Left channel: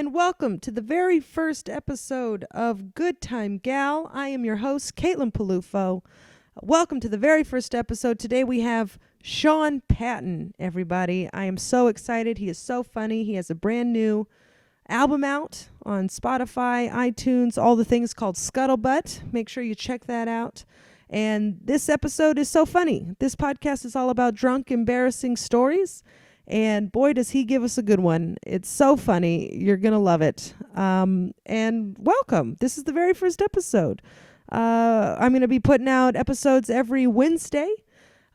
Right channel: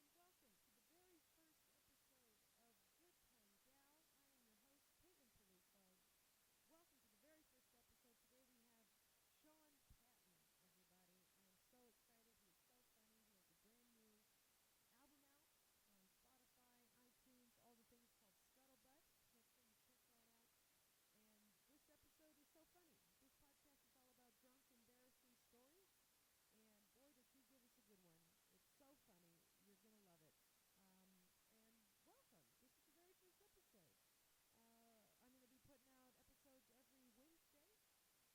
and welcome to the very first episode of Good Time Gal. I am your host, Caitlin Peluffo. Welcome to the very first episode. Today we have Sean Patton, everybody. I am so excited. He is so funny. He has a brand new album out on Spotify, iTunes, all the things called Scuttlebutt. Make sure you check that out. And this episode is so funny. This podcast is all about drunk, embarrassing stories. And boy, does he give us a good one. It's so funny. You're going to love it. And welcome. This is the very first episode. I'm going to be putting out episodes every Wednesday.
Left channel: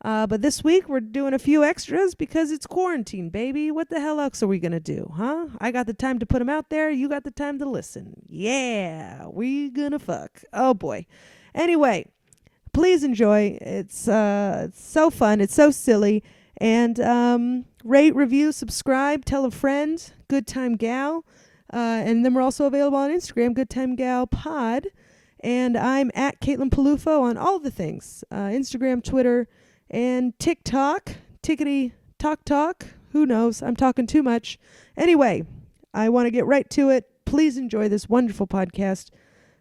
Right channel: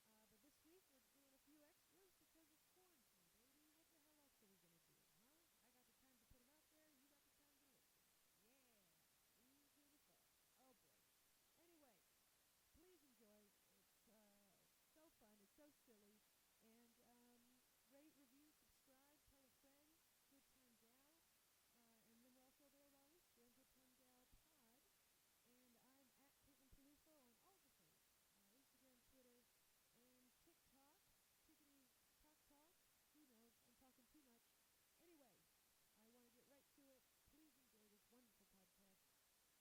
But this week we're doing a few extras because it's quarantine, baby. What the hell else are we going to do, huh? I got the time to put them out there. You got the time to listen. Yeah, we gonna fuck. Oh, boy. Anyway, please enjoy. It's so fun. It's so silly. And rate, review, subscribe, tell a friend, Good Time Gal. And then we're also available on Instagram, Good Time Gal Pod. And I'm at Caitlin Peluffo on all the things, Instagram, Twitter, and TikTok. Tickety talk. Who knows? I'm talking too much. Anyway, I want to get right to it. Please enjoy this wonderful podcast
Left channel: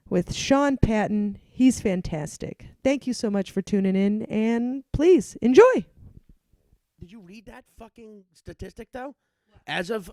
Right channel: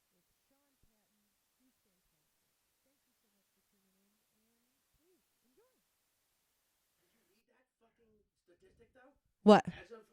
with Sean Patton. He's fantastic. Thank you so much for tuning in, and please enjoy. Did you read that fucking statistic, though? What? As of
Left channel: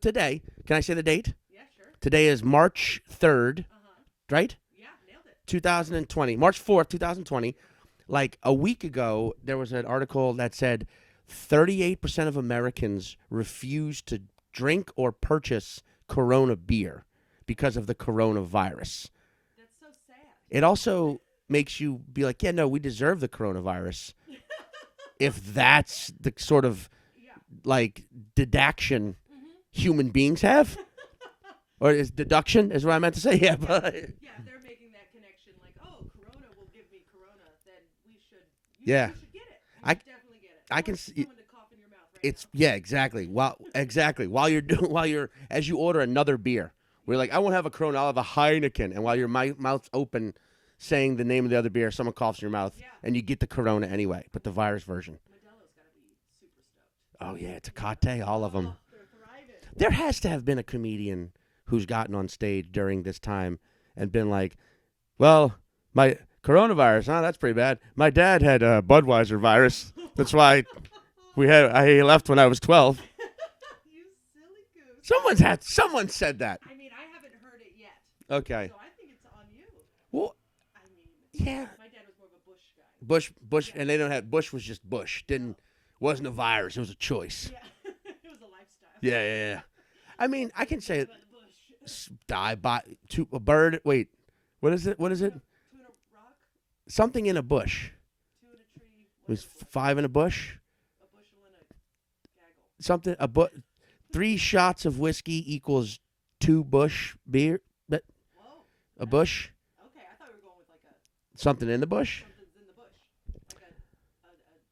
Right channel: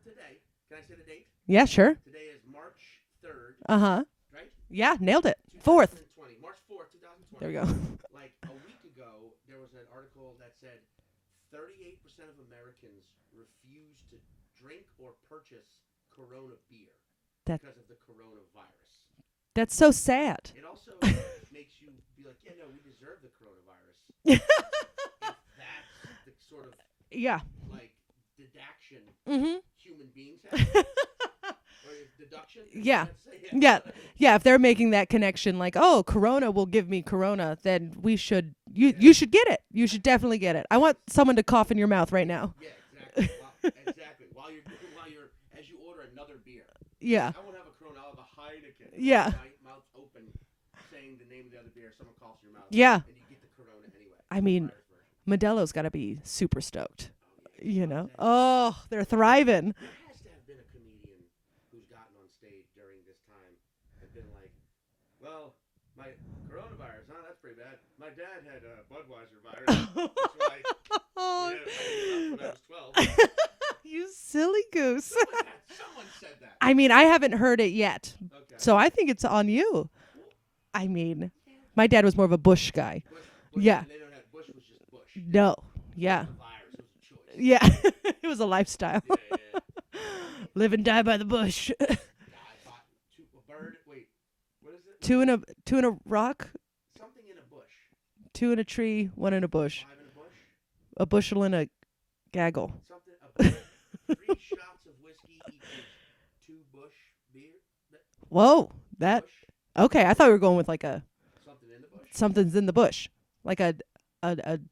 today, can I say the date? Yeah, sure. Today is March 3rd, Uh-huh. right? Yeah, nailed it. 2020. March 4th, 2020. There you go. Like a week ago, there was an article that said 38% of Americans refuse to drink or purchase Corona beer because of the coronavirus. That's so sad. It also makes you be like, yeah, no, we deserve the coronavirus. If that's the sort of like deduction human beings have, or is deduction is what I meant to say. Yeah. If they're making that connection, like, oh, Corona will give me Corona, then we should. You should get it. You should definitely get it. I want someone to cough in your mouth right now. Yeah, exactly. While you're as you order another beer, we're like, I won't have a Corona. I'll have a Heineken, and while your mouth's open, saying the name of the other beer, someone coughs in your mouth. Yeah. And you get the Corona anyway, the virus version. Modelo's got to be super stoked. Oh, yeah. It's a cocktail. All of them. They're thriving. There has to have been a comedian who's gotten on stage during this time and been like, well, my coronavirus, that's pretty bad. My dad had a Budweiser virus. That's why he left when I was 12. You silly goose. Someone said that. I mean, I haven't heard it yet. Okay. So I think it's on you. Well, I mean, my dad was more of a Bush guy. Bush, and they don't have Bush was just Bush. It wasn't a virus; it was a choice. Yeah, it was a lifestyle. Yeah. I mean, live and die by the bush. Die by a bird. Wait, what is it? Two in a rock. Something in a bush. 2 in a tree, 1 in a bush. 5 in a bush. A bushel in a gaggle. Something a bush. 3 shots of whiskey equals 2 bush beer. Whoa, a bush. Okay, I thought we were going with like a... Something in the bush? Something's in the bush. Like a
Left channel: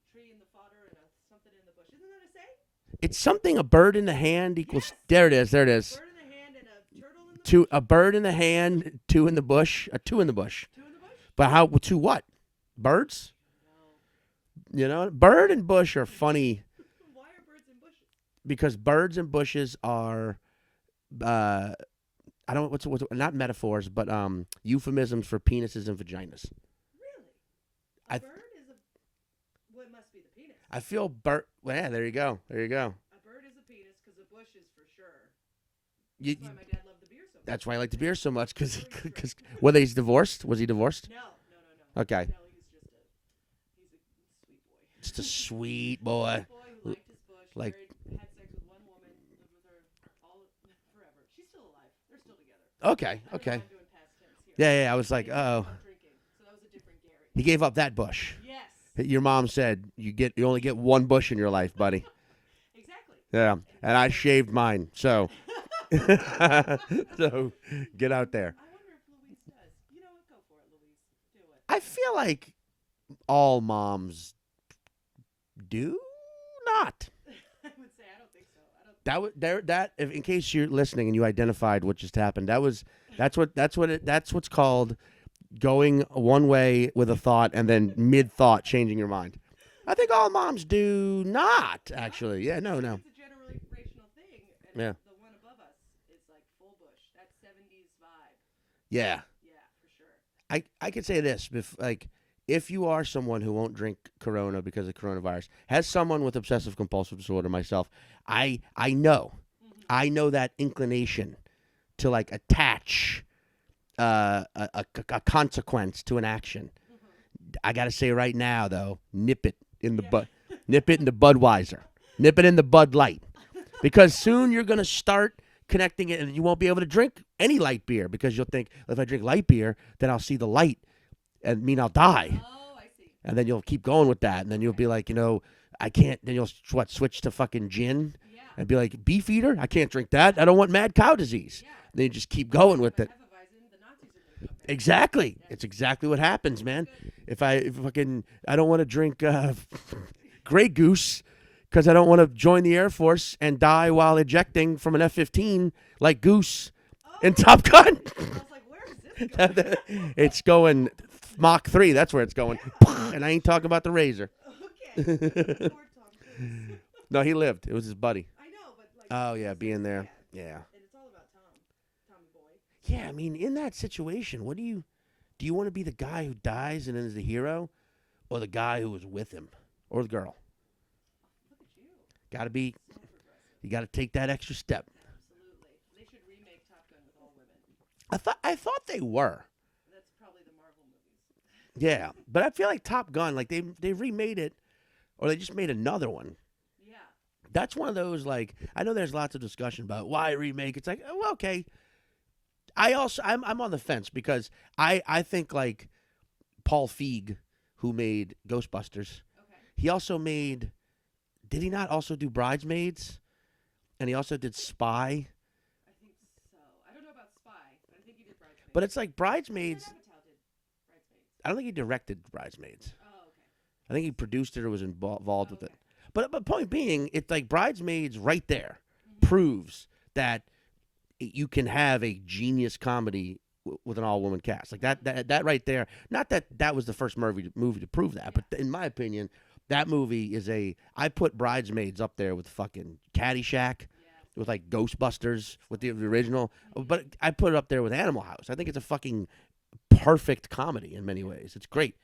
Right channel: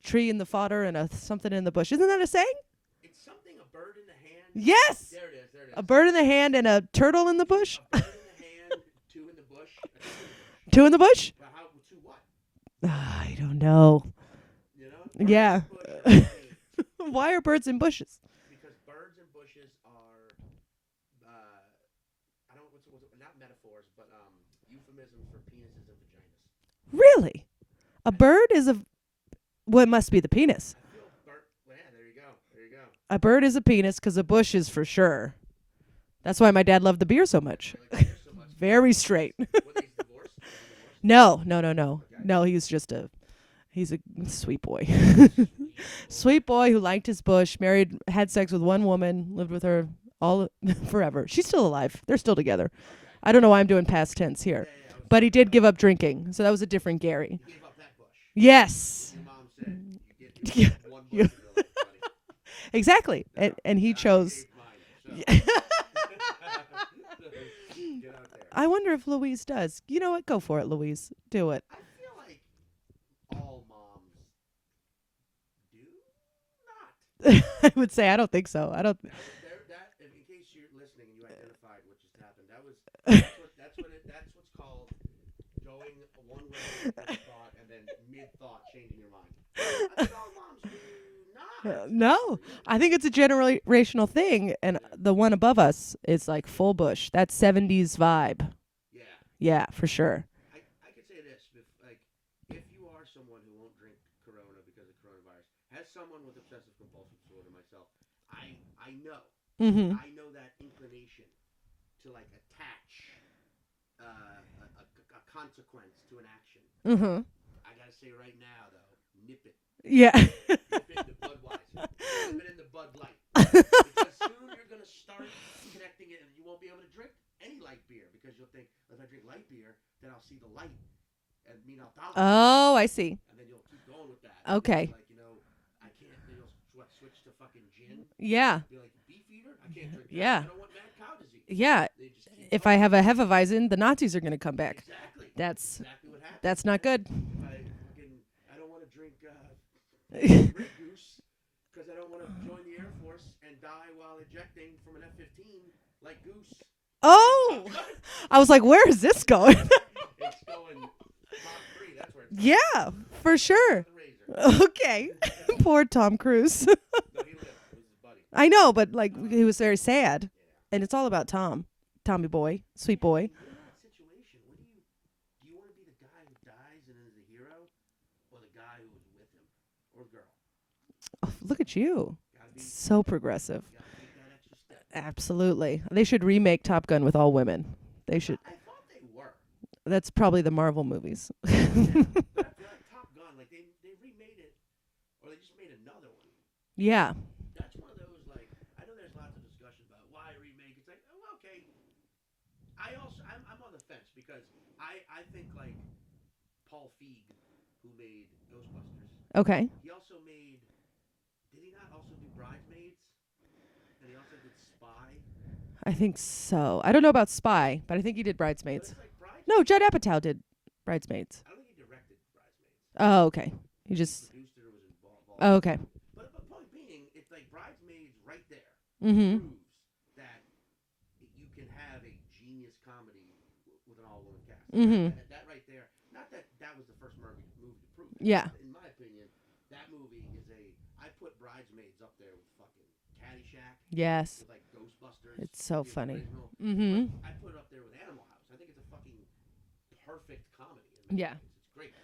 tree in the fodder and something in the bush. Isn't that a saying? It's something, a bird in the hand. Yes! There it is. A bird in the hand and a turtle in the bush? A bird in the hand, 2 in the bush. 2 in the bush. 2 in the bush? But how? 2 what? Birds? I don't know. You know? Bird and bush are funny. Why are birds in bushes? Because birds and bushes are... I don't what's not metaphors, but euphemisms for penises and vaginas. Really? A bird is a... Well, it must be the penis. I feel bird... Well, yeah, there you go. A bird is a penis because a bush is for sure. That's why my dad loved the beer so much. That's why I like the beer so much. Very straight. Was he divorced? No. Okay. No, he's a sweet boy. Sweet boy. Sweet boy who liked his bush, had sex with one woman, lived with her all forever. She's still alive. They're still together. Okay. I don't know why I'm doing past tense here. Yeah. But he did give up drinking, so that was a different Gary. He gave up that bush. Yes. Your mom said you only get one bush in your life, buddy. Exactly. Yeah. And chose. I shaved mine. So. So get out there. I wonder if Louise does. You know what? Go for it, Louise. Do it. I feel like all moms do not. I would say I don't think so. I don't. In case you're listening and you identified what just happened, that's what's called going one way with a thought and then mid thought changing your mind. I think all moms do not. No. Actually. Yeah, no. I think no. it's a generational thing, and Yeah. the one above us is like full bush. That 70s vibe. Yeah. Yeah, for sure. I could say this, if you are someone who won't drink Corona because of coronavirus, has someone with obsessive compulsive disorder, myself, I know. Mm-hmm. I know that inclination to like attach a consequence to an action. Mm-hmm. I gotta say right now though, nip it in the Yeah. nip it in the Budweiser, nip it in the Bud Light, because soon you're gonna start connecting it, and you won't be able to drink any light beer because you'll think, if I drink light beer, then I'll see the light and mean I'll die. Oh, I see. And then you'll keep going with that, and then you'll Okay. be like, I can't. Then you'll switch to fucking gin. Yeah. And be like, Beefeater? I can't drink that. Yeah. I don't want mad cow disease. Yeah. Then you just keep If going. I have with a it. Hefeweizen, the Nazis are going to come back. Exactly. That's That's exactly what happens. That's man. not good. If I don't want to drink Grey Goose because I don't want to join the Air Force and die while ejecting from an F-15 like Goose in Top Gun. I was like, where is this going? It's going Mach 3. That's where it's going. Yeah, And for I ain't sure. talking about the Razor. Okay. Poor Tom Cruise. No, he lived. It was his buddy. I know, but like Oh, he yeah, was very being there. sad. Yeah. And it's all about Tommy boy, sweet Yeah, boy. I mean, in that situation, do you want to be the guy who dies and then is the hero, or the guy who was with him, or the girl? Oh, look at you. Got to be. So progressive. You got to take that extra step. Absolutely. They should remake Top Gun with all women. They should. I thought they were. That's probably the Marvel movies. Yeah, but I feel like Top Gun, like they remade it, or they just made another one. Yeah. That's one of those, like, I know there's lots of discussion about why remake. It's like, oh, okay. I'm on the fence because I think like Paul Feig, who made Ghostbusters, Okay. he also made. Did he not also do Bridesmaids? And he also did Spy. I think so. I don't know about Spy, but I think he did Bridesmaids. But it's like Bridesmaids. no, Judd Apatow did Bridesmaids. I don't think he directed Bridesmaids. Oh, okay. I think he produced it or was involved. Oh, with it. okay. But point being, it's like Bridesmaids right there Mhm. proves that you can have a genius comedy with an all-woman cast. Like Mhm. that right there. Not that was the first movie to prove that. Yeah. But in my opinion, that movie is I put Bridesmaids up there with fucking Caddyshack, Yes. with like Ghostbusters, It's so with the funny. original. Mhm. But I put it up there with Animal House. I think it's a fucking perfect comedy in many Yeah. ways. It's great.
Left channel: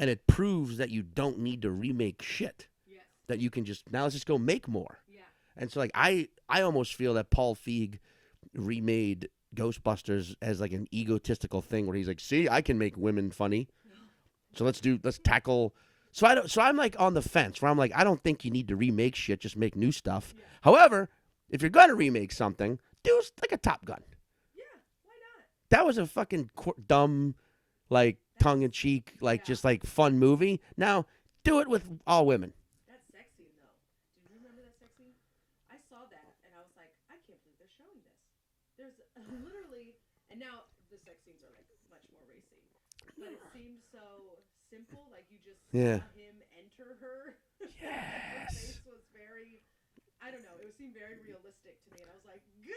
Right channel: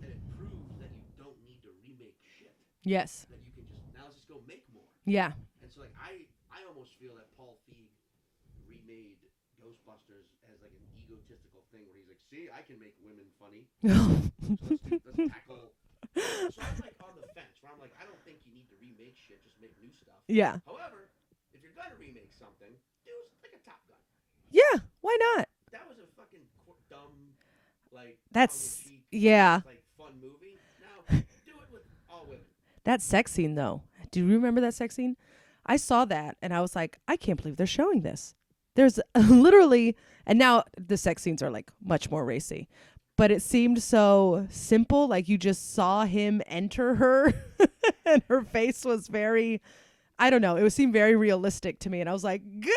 And it proves that you don't need to remake shit. Yes. That you can now let's just go make more. Yeah. And so like I almost feel that Paul Feig remade Ghostbusters as like an egotistical thing where he's like, see, I can make women funny. So let's tackle. So I'm like on the fence where I'm like, I don't think you need to remake shit, just make new stuff. Yeah. However, if you're gonna remake something, do like a Top Gun. Yeah. Why not? That was a fucking dumb, like That's- tongue in cheek, yeah. like just like fun movie. Now do it with all women. That sex scene, though. Do you remember that sex scene? I saw that, and I was like, I can't believe they're showing this. There's literally, and now the sex scenes are like much more racy, but it seemed so simple. Like you just saw him enter her, and her face was very, I don't know. It seemed very realistic to me, and I was like, Gah!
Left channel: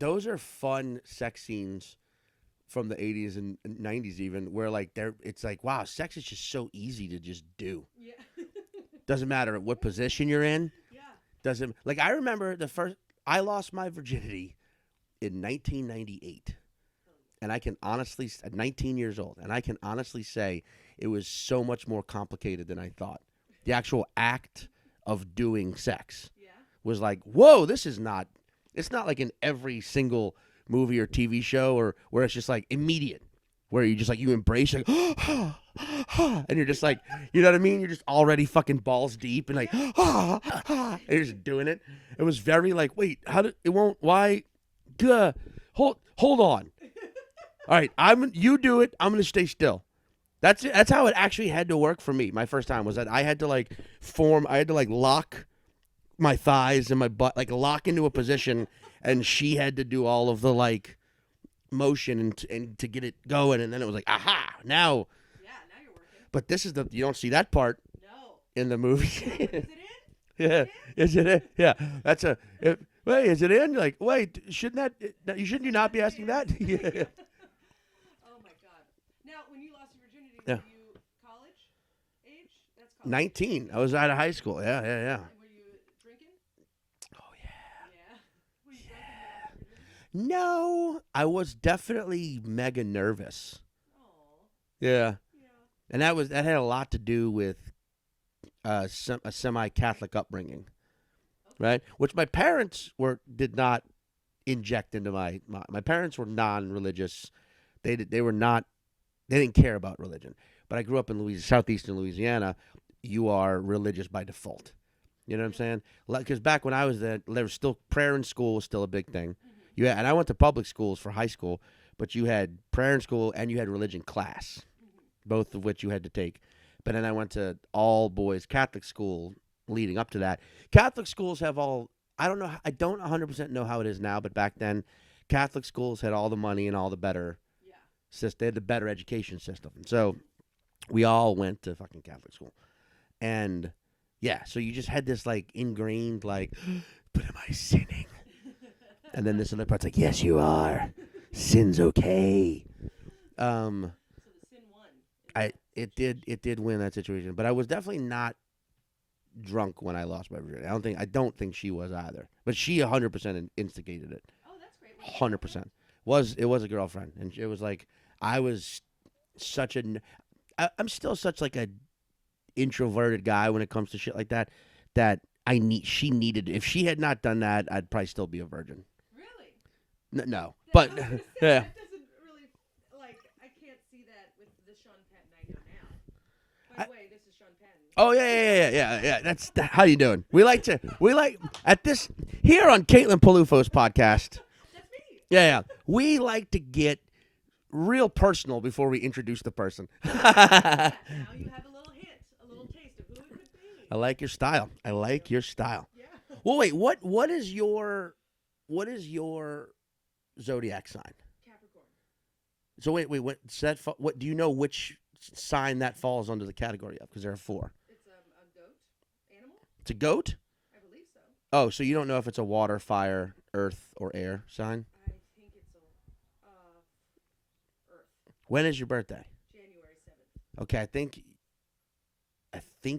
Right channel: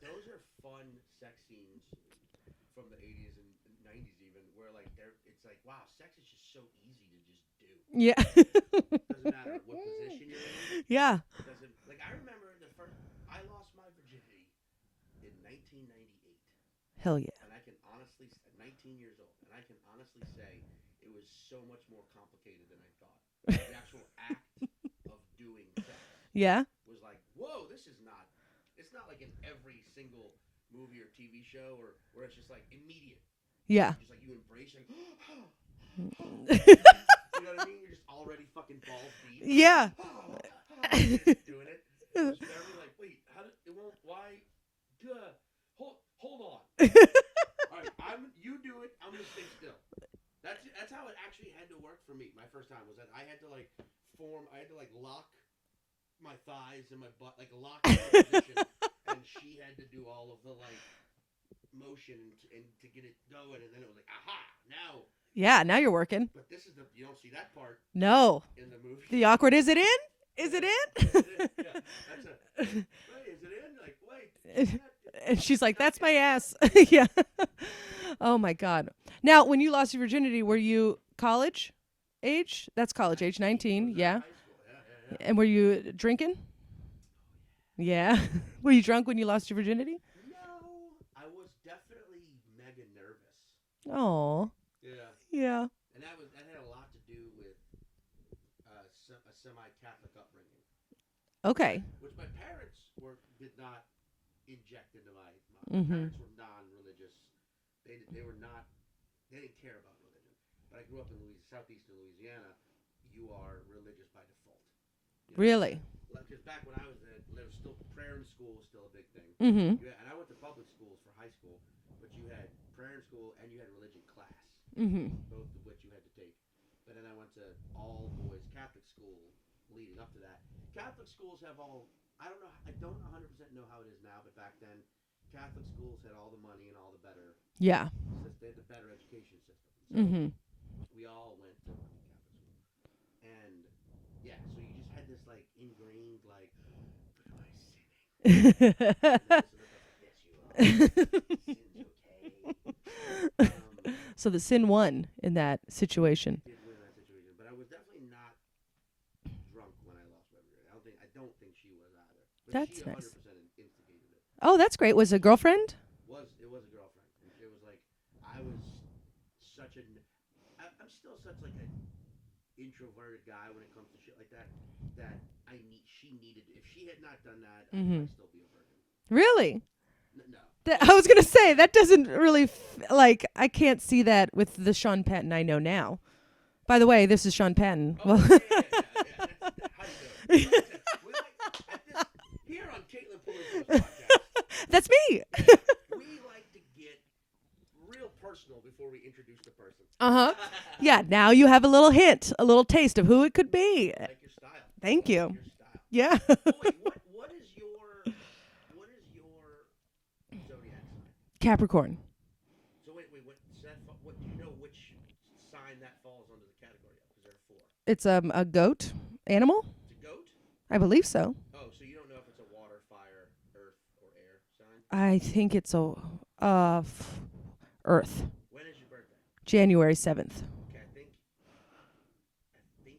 Those are fun sex scenes from the 80s and 90s even, where like it's like, wow, sex is just so easy to just do. Yeah. Doesn't matter what position you're in. Yeah. Doesn't like I remember I lost my virginity in 1998. Hell yeah. And I can honestly, at 19 years old, and I can honestly say it was so much more complicated than I thought. The actual act of doing sex Yeah. was like, whoa, it's not like in every single movie or TV show or where it's just like immediate. Where Yeah. you just like, you embrace like, and you're just like, you know what I mean? You're just already fucking balls deep. And Yeah. Like, you're just doing it. It was very like, wait, why? Duh. Hold on. All right, you do it. I'm gonna stay still. That's it. That's how it actually had to work for me. My first time was that I had to like lock my thighs and my butt, like lock into a position, and she had to do all of the like motion and to get it going, and then it was like, aha, now. Yeah. Now you're working. But you don't see that part No. in the movie. The awkward, is it in? Is it in? Is it in? Yeah, that's wait, is it in? You're like, wait, shouldn't that? And she's should like, not that's be my ass. asking that? Yeah. Oh my God. Now, when you lost your virginity, were you college? age? That's college age, 19. I was out of high school. Yeah. And were you drinking? Oh, yeah. Yeah. Were you drunk when you lost your virginity? No, I was definitely mega nervous. Oh. Yeah. Yeah. And that had a lot to do with a semi-Catholic upbringing. Okay. Right? Which my parents did not inject into my parents were non-religious. They didn't care about religion. But I grew up in southeastern Louisiana. You are religious by default. You know what I'm saying? Because back when I was there was still prayer in school was still a big thing. Mm-hmm. And I went to public schools for high school, but you had prayer in school and you had religion class, both of which you had to take. But then I went to all boys Catholic school leading up to that. Catholic schools have I don't 100% know how it is now, but back then Catholic schools had all the money and all the better. Yeah. They had the better education system. And so we all went to fucking Catholic school. And yeah, so you just had this like ingrained like, but am I sinning? And then this other part's like, yes, you are. Sin's okay. So the sin won in that situation. It did win that situation, but I was definitely not drunk when I lost my virginity. I don't think she was either. But she 100% instigated it. Oh, that's great. Was it a 100%. girlfriend? It was a girlfriend, and it was like I was such I'm still such like a introverted guy when it comes to shit like that. That she needed. If she had not done that, I'd probably still be a virgin. Really? No. I was gonna say that doesn't really I can't see that with the Sean Patton I know now. By the way, this is Sean Patton. Oh yeah. That's how you doing? We like at this here on Caitlin Peluffo's podcast. That's me. Yeah. We like to get real personal before we introduce the person. Yeah. Now you have a little hint, a little taste of who it could be. I like your style. Thank you. I like your style. Yeah. Well, wait. What is your zodiac sign? Capricorn. So wait. What do you know which sign that falls under the category of? Because there are 4. It's a goat animal. It's a goat? I believe so. Oh, so you don't know if it's a water, fire, earth, or air sign? I think it's a Earth. When is your birthday? January 7th. Okay, I think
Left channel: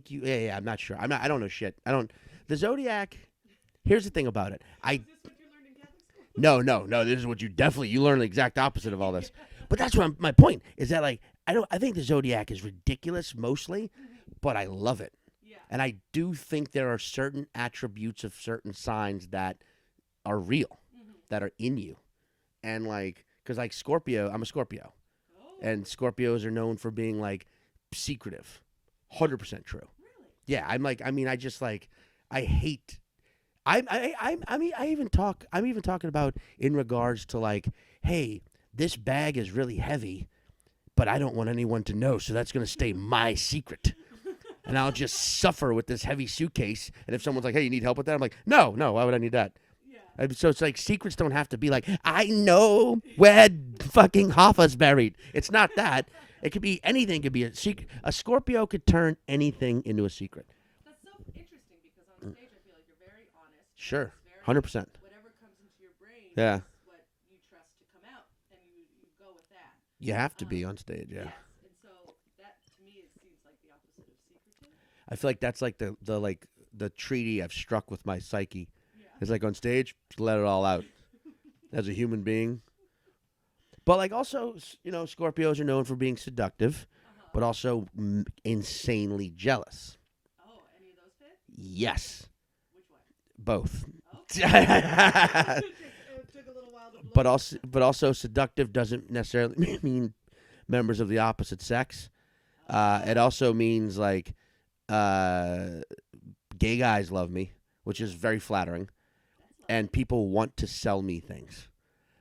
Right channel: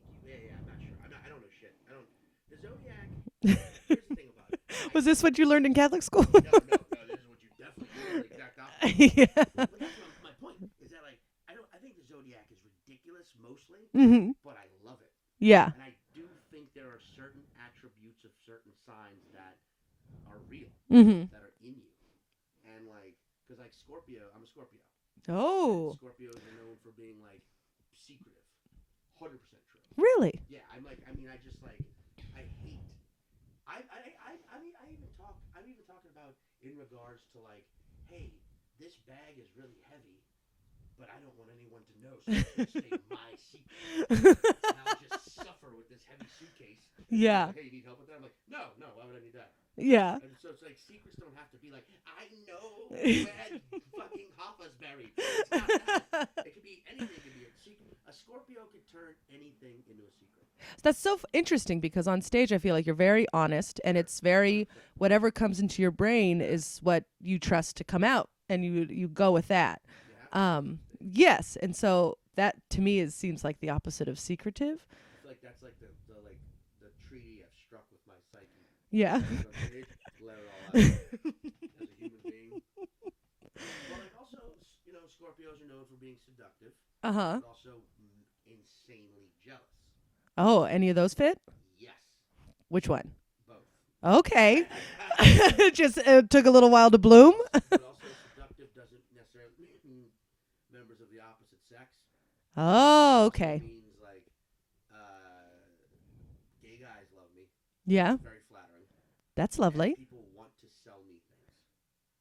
you. Yeah. I'm not sure. I don't know shit. The zodiac. Here's the thing about it. Was this what you learned in Catholic school? No. This is what you learn the exact opposite of all this. Yeah. But that's what my point is that like I think the zodiac is ridiculous mostly, but I love it. Yeah. And I do think there are certain attributes of certain signs that are real, that are in you, and like. Because, like, Scorpio, I'm a Scorpio. Oh. And Scorpios are known for being, like, secretive. 100% true. Really? Yeah, I'm even talking about in regards to, like, hey, this bag is really heavy, but I don't want anyone to know, so that's going to stay my secret. And I'll just suffer with this heavy suitcase. And if someone's like, hey, you need help with that? I'm like, no, why would I need that? Yeah. So it's like secrets don't have to be like, I know where fucking Hoffa's buried. It's not that. It could be anything. It could be a secret. A Scorpio could turn anything into a secret. That's so interesting because on stage I feel like you're very honest and it's very 100%. Whatever comes into your brain is what you trust to come out and you go with that. You have to be on stage. Yeah. Yes. And so that to me seems like the opposite of secretive. I feel like that's like the treaty I've struck with my psyche. Yeah. It's like on stage, just let it all out as a human being. But like also, Scorpios are known for being seductive, but also insanely jealous. Oh, any of those fit? Yes. Which one? Both. Okay. It just took a little while to bloom. But also seductive doesn't necessarily mean members of the opposite sex. Oh, it also means like gay guys love me. Which is very flattering. That's lovely. And people want to sell me things.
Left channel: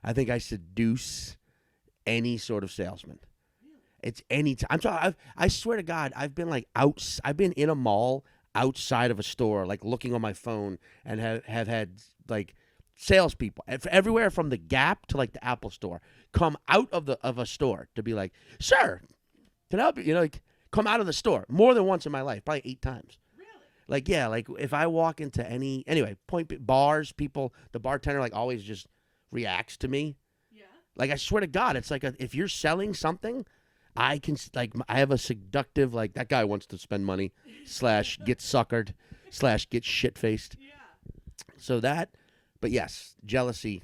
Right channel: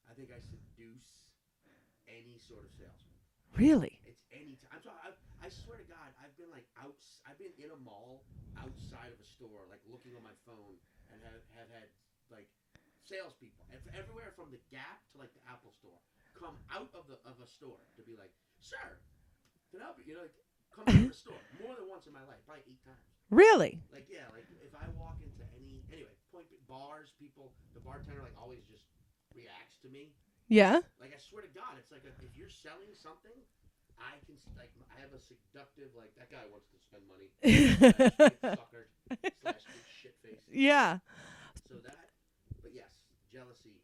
I think I seduce any sort of salesman. Really? It's any time. I swear to God, I've been like I've been in a mall outside of a store, like looking on my phone, and have had like salespeople everywhere from the Gap to like the Apple store come out of a store to be like, "Sir, can I help you?" Like. Come out of the store more than once in my life, probably 8 times. Really? Like, yeah, like if I walk into bars, the bartender like always just reacts to me. Yeah. Like I swear to God, it's like if you're selling something, I can I have a seductive that guy wants to spend money / get suckered / get shit faced. Yeah. So that, but yes, jealousy.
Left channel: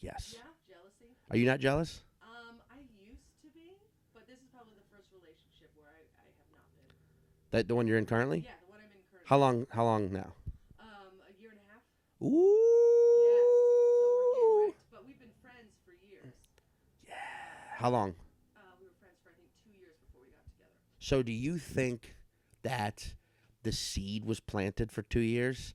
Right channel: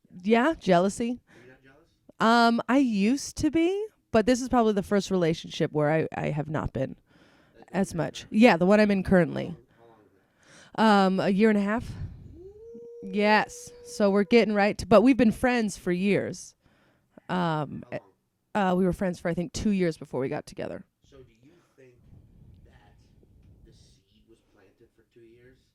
Yes. Yeah, jealousy. Are you not jealous? I used to be, but this is probably the first relationship where I have not been. The one as you're much. in currently? Yeah, the one I'm in currently. How long now? A year and a half. Ooh. Yes. So we're getting right to, but we've been friends for years. How long? We were friends for I think 2 years before we got together. So do you think that the seed was planted for 2 years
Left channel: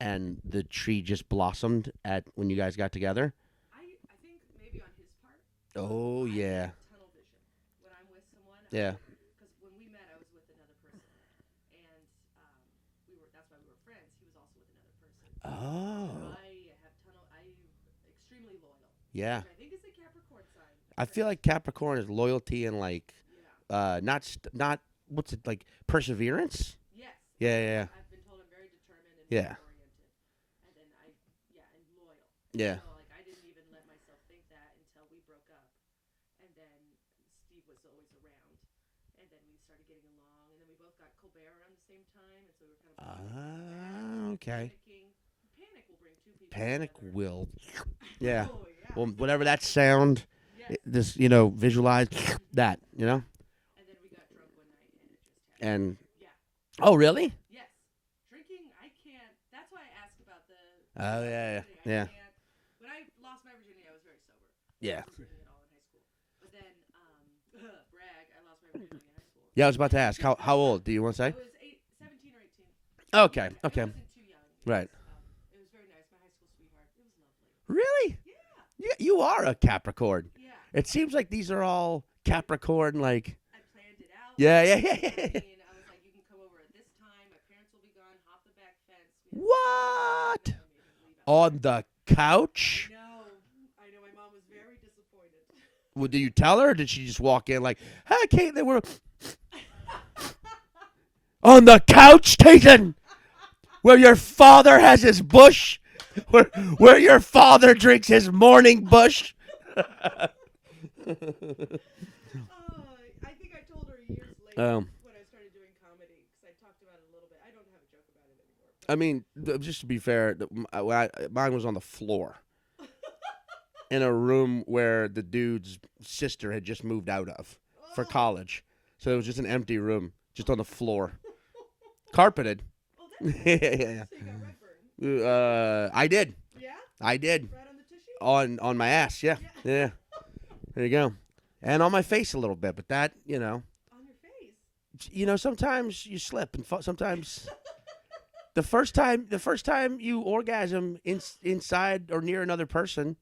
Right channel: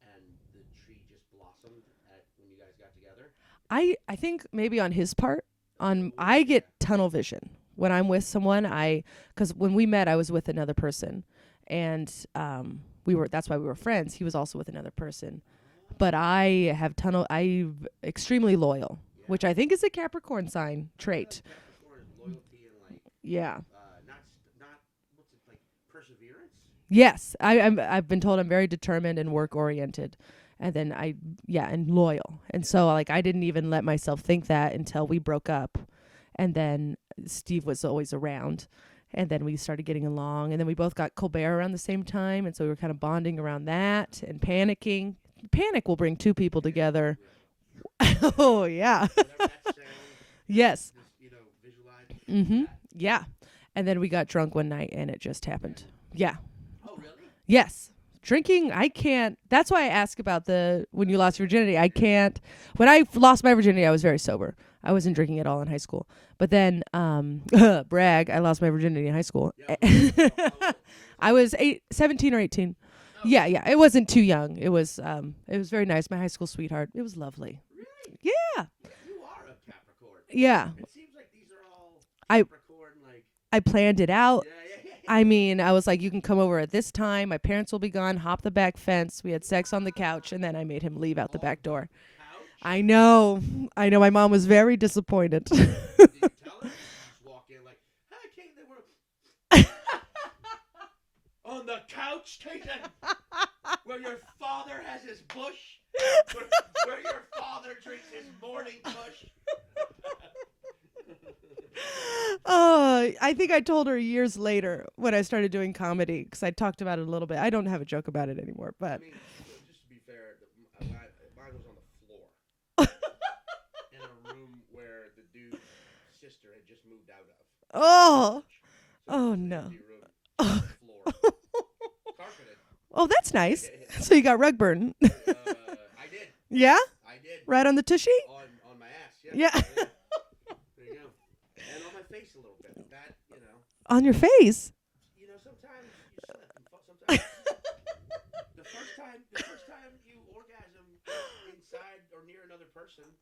and the tree just blossomed when you guys got together? I think maybe on his part, Oh, I yeah. get tunnel vision when I'm with someone. Yeah. Because when we met, I was with another person, and that's why we were friends. He was also with another person. Oh. But I'm extremely loyal, Yeah. which I think is a Capricorn sign I trait. feel like Capricorn is loyalty and yeah. not what's it like perseverance? Yes. Yeah. I've been told I'm very determined and Yeah. work oriented. And then and loyal. And Yeah. so I didn't even let myself think that until we broke up. And then Steve was always around. And then we started getting along. And then we both got Colbert around the same time. And so we were kind of bonding around that and okay. panicking. Panic will bring two people Panic together. Will. Oh, yeah. Whatever that sound. Yes. This visualize Mhm. that. you know? Yeah. And then we got drunk one night and it just happened. And yeah. oh really? Yes. Drinking, I can't. That's why I ask about when you lost yeah, virginity. yeah. I can't. When I lost my virginity, I was very sober. Yeah. I wasn't drinking at all in high school. But then, brag, I lost my virginity in high school. Yeah, I was about to ask. How old do you want to say? I was 17 or 18. Okay, Yeah. okay. It wasn't too young. It Right. was very nice. My high school sweetheart. It was lovely. Really? Yeah. You are a Capricorn. Yeah. It seems like these are all Capricorn, I planned it out. Yeah. I mean, I was like, you can come over at this time. My parents will be gone. Hop the back fence. We had sex on the couch, and then I made him leave out the on back the door. couch. I know. My mom was very disappointed. Well, did you tell her, or did she just walk in like, "Hi, Kate, they were on the couch, Caitlin, where your father has his bush, where your father drinks his morning bush." I think I told her years later when I started doing comedy because I talked about it a little bit. I don't have a joke about it anymore. But I mean, just to be fair, mine was on the floor in a room where the dude's sister had just moved out of for college. So it was just an empty room, just on the floor, carpeted. Oh, that's nice. Yeah. So you got rug burn. I did. Yeah? I did. Right on the tushy? On my ass, yeah. Yeah. There you go. And on my face a little bit, but that, On your face? sometimes you slip, and sometimes the first time you orgasm inside or near another person,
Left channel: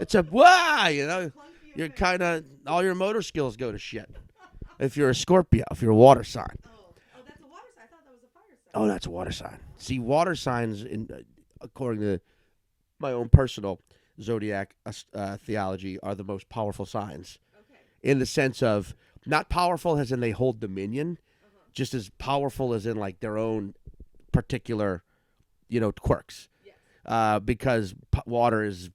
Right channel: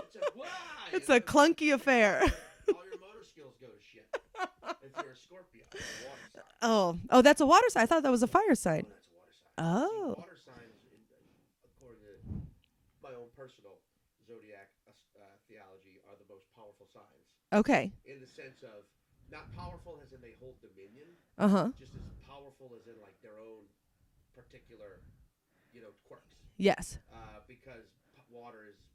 it's a wow. It's a clunky affair. Kind of all your motor skills go to shit. If you're a Scorpio, if you're a water sign. Oh, that's a water sign. I thought that was a fire sign. Oh, that's a water sign. Oh. See, water signs, according to my own personal Zodiac theology, are the most powerful signs. Okay. In the sense of not powerful as in they hold dominion, just as powerful as in like their own particular, quirks. Yes. Because water is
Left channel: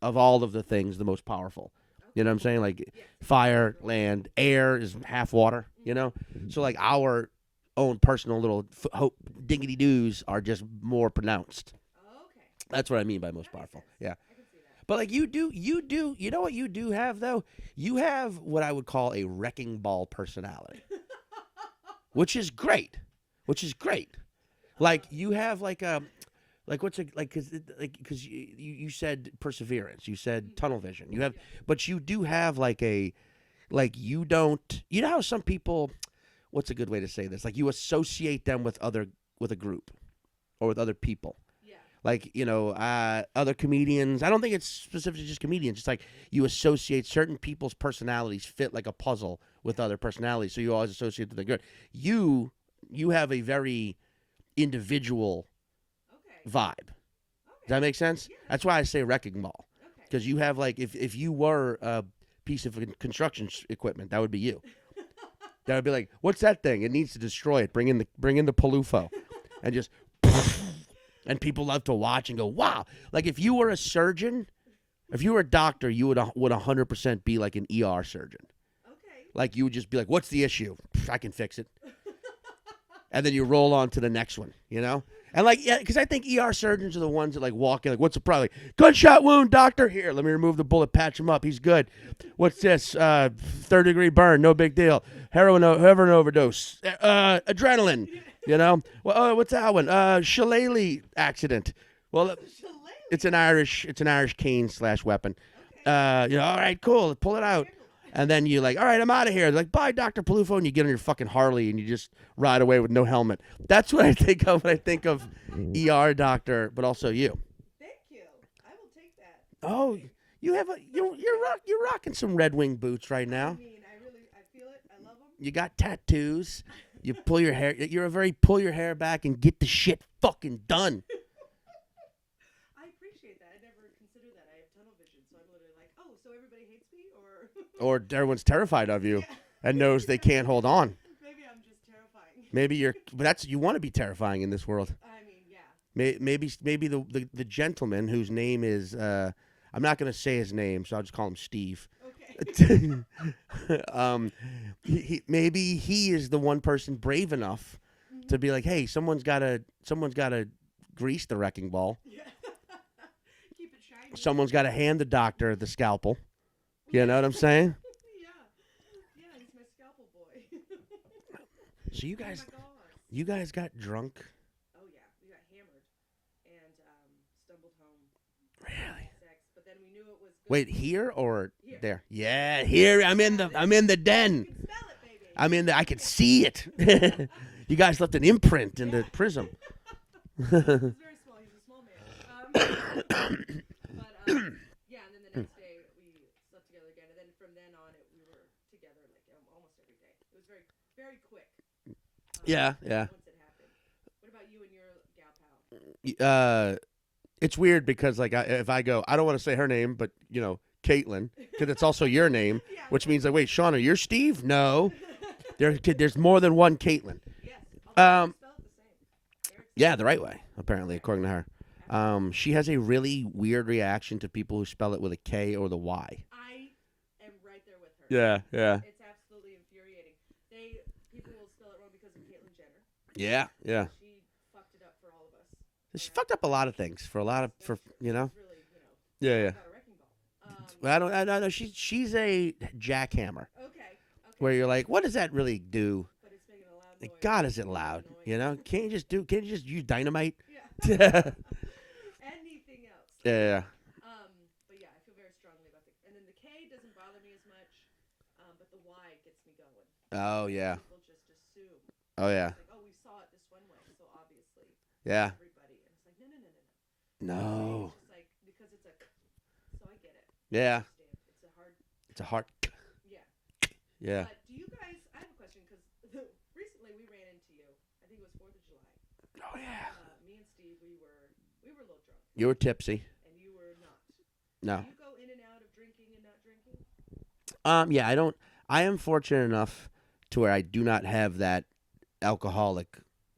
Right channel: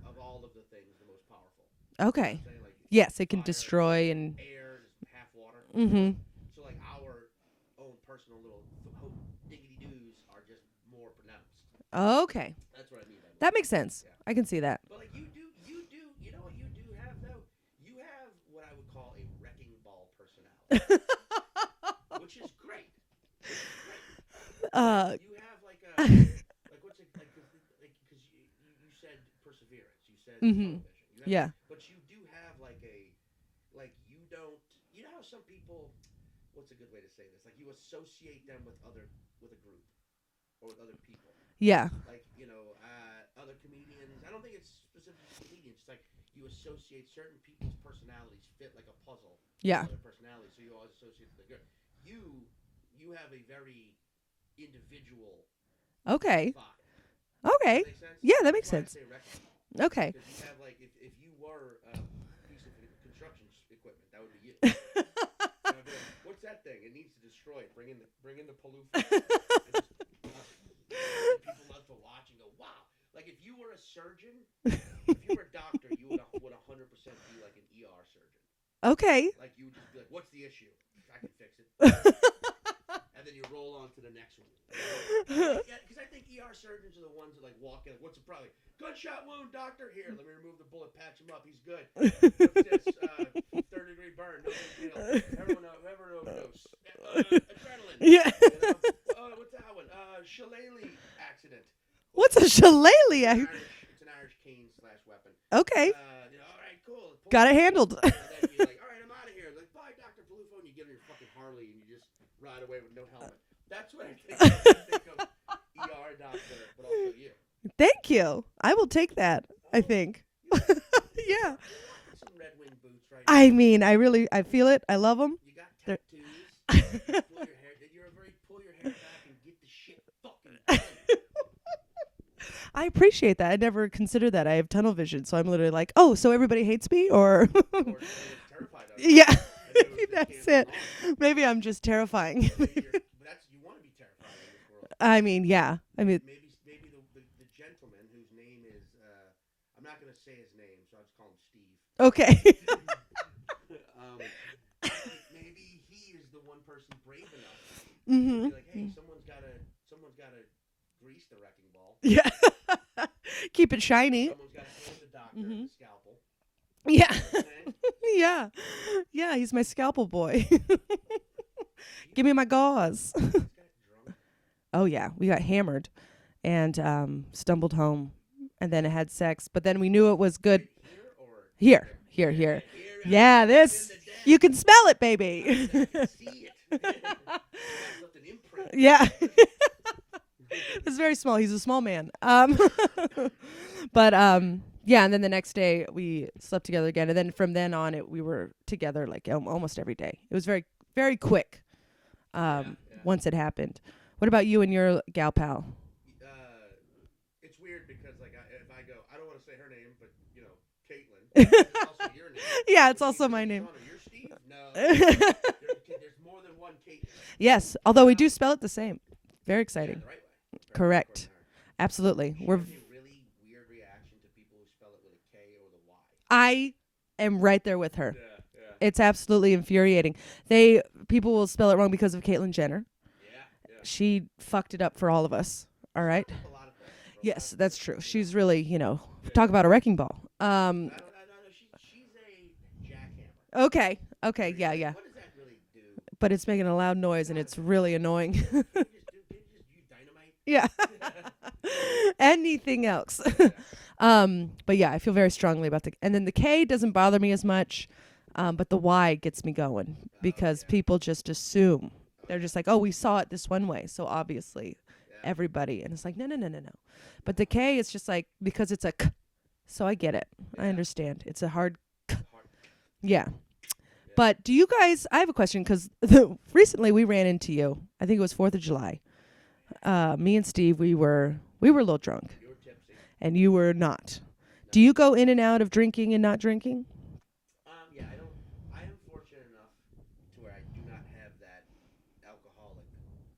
of all of the things the most powerful. Okay. You know what I'm saying? Like yes, it fire, can destroy land, and air is half water. So like our own personal little diggity doos are just more pronounced. Okay. That's what I mean by most. That makes sense. Yeah, I can see that. But like you do. You know what you do have though? You have what I would call a wrecking ball personality, which is great. Like you have like a. Like what's it like? Because you said perseverance, you said tunnel vision. You have, but you do have you don't. You know how some people, what's a good way to say this? Like you associate them with a group, or with other people. Yeah. Like other comedians. I don't think it's specifically just comedians. It's like you associate certain people's personalities fit like a puzzle with other personalities. So you always associate that they're good. You have a very individual. Okay. Vibe. Okay. That makes sense? Yeah, that's why I say wrecking ball. Okay. Because you have like if you were a piece of construction equipment, that would be you. That would be like, what's that thing? It needs to destroy it. Bring in the Peluffo, and just and people love to watch and go, wow. Like if you were a surgeon, if you were a doctor, you would 100% be like an ER surgeon. Okay. Like you would just be like, "What's the issue? I can fix it." And then you roll on to the next one, you know? And like, yeah, because I think ER surgeons are the ones that like walk in, like, what's the problem? Like, gunshot wound, doctor. Here, let me remove the bullet, patch him up. He's good. What's this? 3rd-degree burn, no big deal. Heroin overdose. Adrenaline. Yeah. You know? Well, what's that one? Shillelagh accident. Well, What's a shillelagh? It's an Irish cane / weapon. Okay. You know, all right, cool. Pull Got it it out. handled. And then you like, all right, I'm out of here. They're like, bye, Dr. Peluffo, and you get on your fucking Harley and you just ride away with no helmet. That's what I think of when I think of ER doctor, but also you. Thank you. I will take that. I Oh, think. You're rocking some Red Wing boots right now. I mean, I feel it. I love them. You got tattoos. You pull your hair. You're a very pull your hair back and get the shit fucking done. I appreciate that. I never considered that. I have tunnel vision, so I'm literally like, oh, so everybody hates me, or Or everyone's terrified of you. Yeah. And knows they can't hold on. Maybe I'm just terrifying. Maybe but you want to be terrifying in this world. I mean, yeah. Maybe the gentleman whose name is I'm not going to say his name, so I'll just call him Steve. Okay. Maybe he is the one person brave enough to be like, hey, someone's got to grease the wrecking ball. Yeah. Keep it shiny. Someone's got to hand the doctor the scalpel. You Yeah. know what I'm saying? Yeah. Yeah, he's my scalpel boy. So Give me my gauze. You guys got drunk? Oh, yeah. We got hammered and stumbled home and then had sex. But then we knew it was good. Wait, here or Here. there? Here, Yeah, here. here. I'm in the den. You can smell it, baby. I can see it. You guys left an imprint in Yeah. the prison. It's very small. He's a small man. But yeah, and then the next day we slept together again, and then from then on we were together like almost every day. It was very, very quick. Yeah. Once it happened. What about you and your gal pal? It's weird because like if I go, I don't want to say her name, but you know, Caitlin, because it's also your name. Yeah, it's which also means that my wait, name. Shauna, you're Steve? No, there's more than one Caitlin. Yes, although we do spell it the same. Very exciting. Yeah, the right way, apparently, Correct. according to her. Absolutely. She has a really weird reaction to people who spell it with a K or the Y. I am right there with her. Yeah. It's absolutely infuriating. People will spell it wrong because of Caitlyn Jenner. Yeah. She fucked it up for all of us. All She's right. fucked up a lot of things for a lot of. That's true. You She's know? really, Yeah, talk yeah. about a wrecking ball. I know. She's a jackhammer. Okay. Where you're like, yeah. what does that really do? But it's making a loud noise. God, and is it's it really loud, annoying. You know, can't you just use dynamite? Yeah. Anything else. Yeah. But yeah, I feel very strongly about and then the K doesn't bother me as much, but the Y gets me going because people just assume. Oh, They're yeah. just like, oh, we saw it this one way, so obviously Yeah. everybody. And it's like, no. But the K is just like, because it's a K, so I get it. I Yeah. understand. It's a hard It's a hard. Yeah. Yeah. But do you guys, I have a question because recently we ran into you. I think it was 4th of July. Oh yeah. Me and Steve, we were a little drunk You were tipsy. and you were not. No. Do you go in and out of drinking and not drinking? Yeah, I don't. I am fortunate enough to where I do not have that alcoholic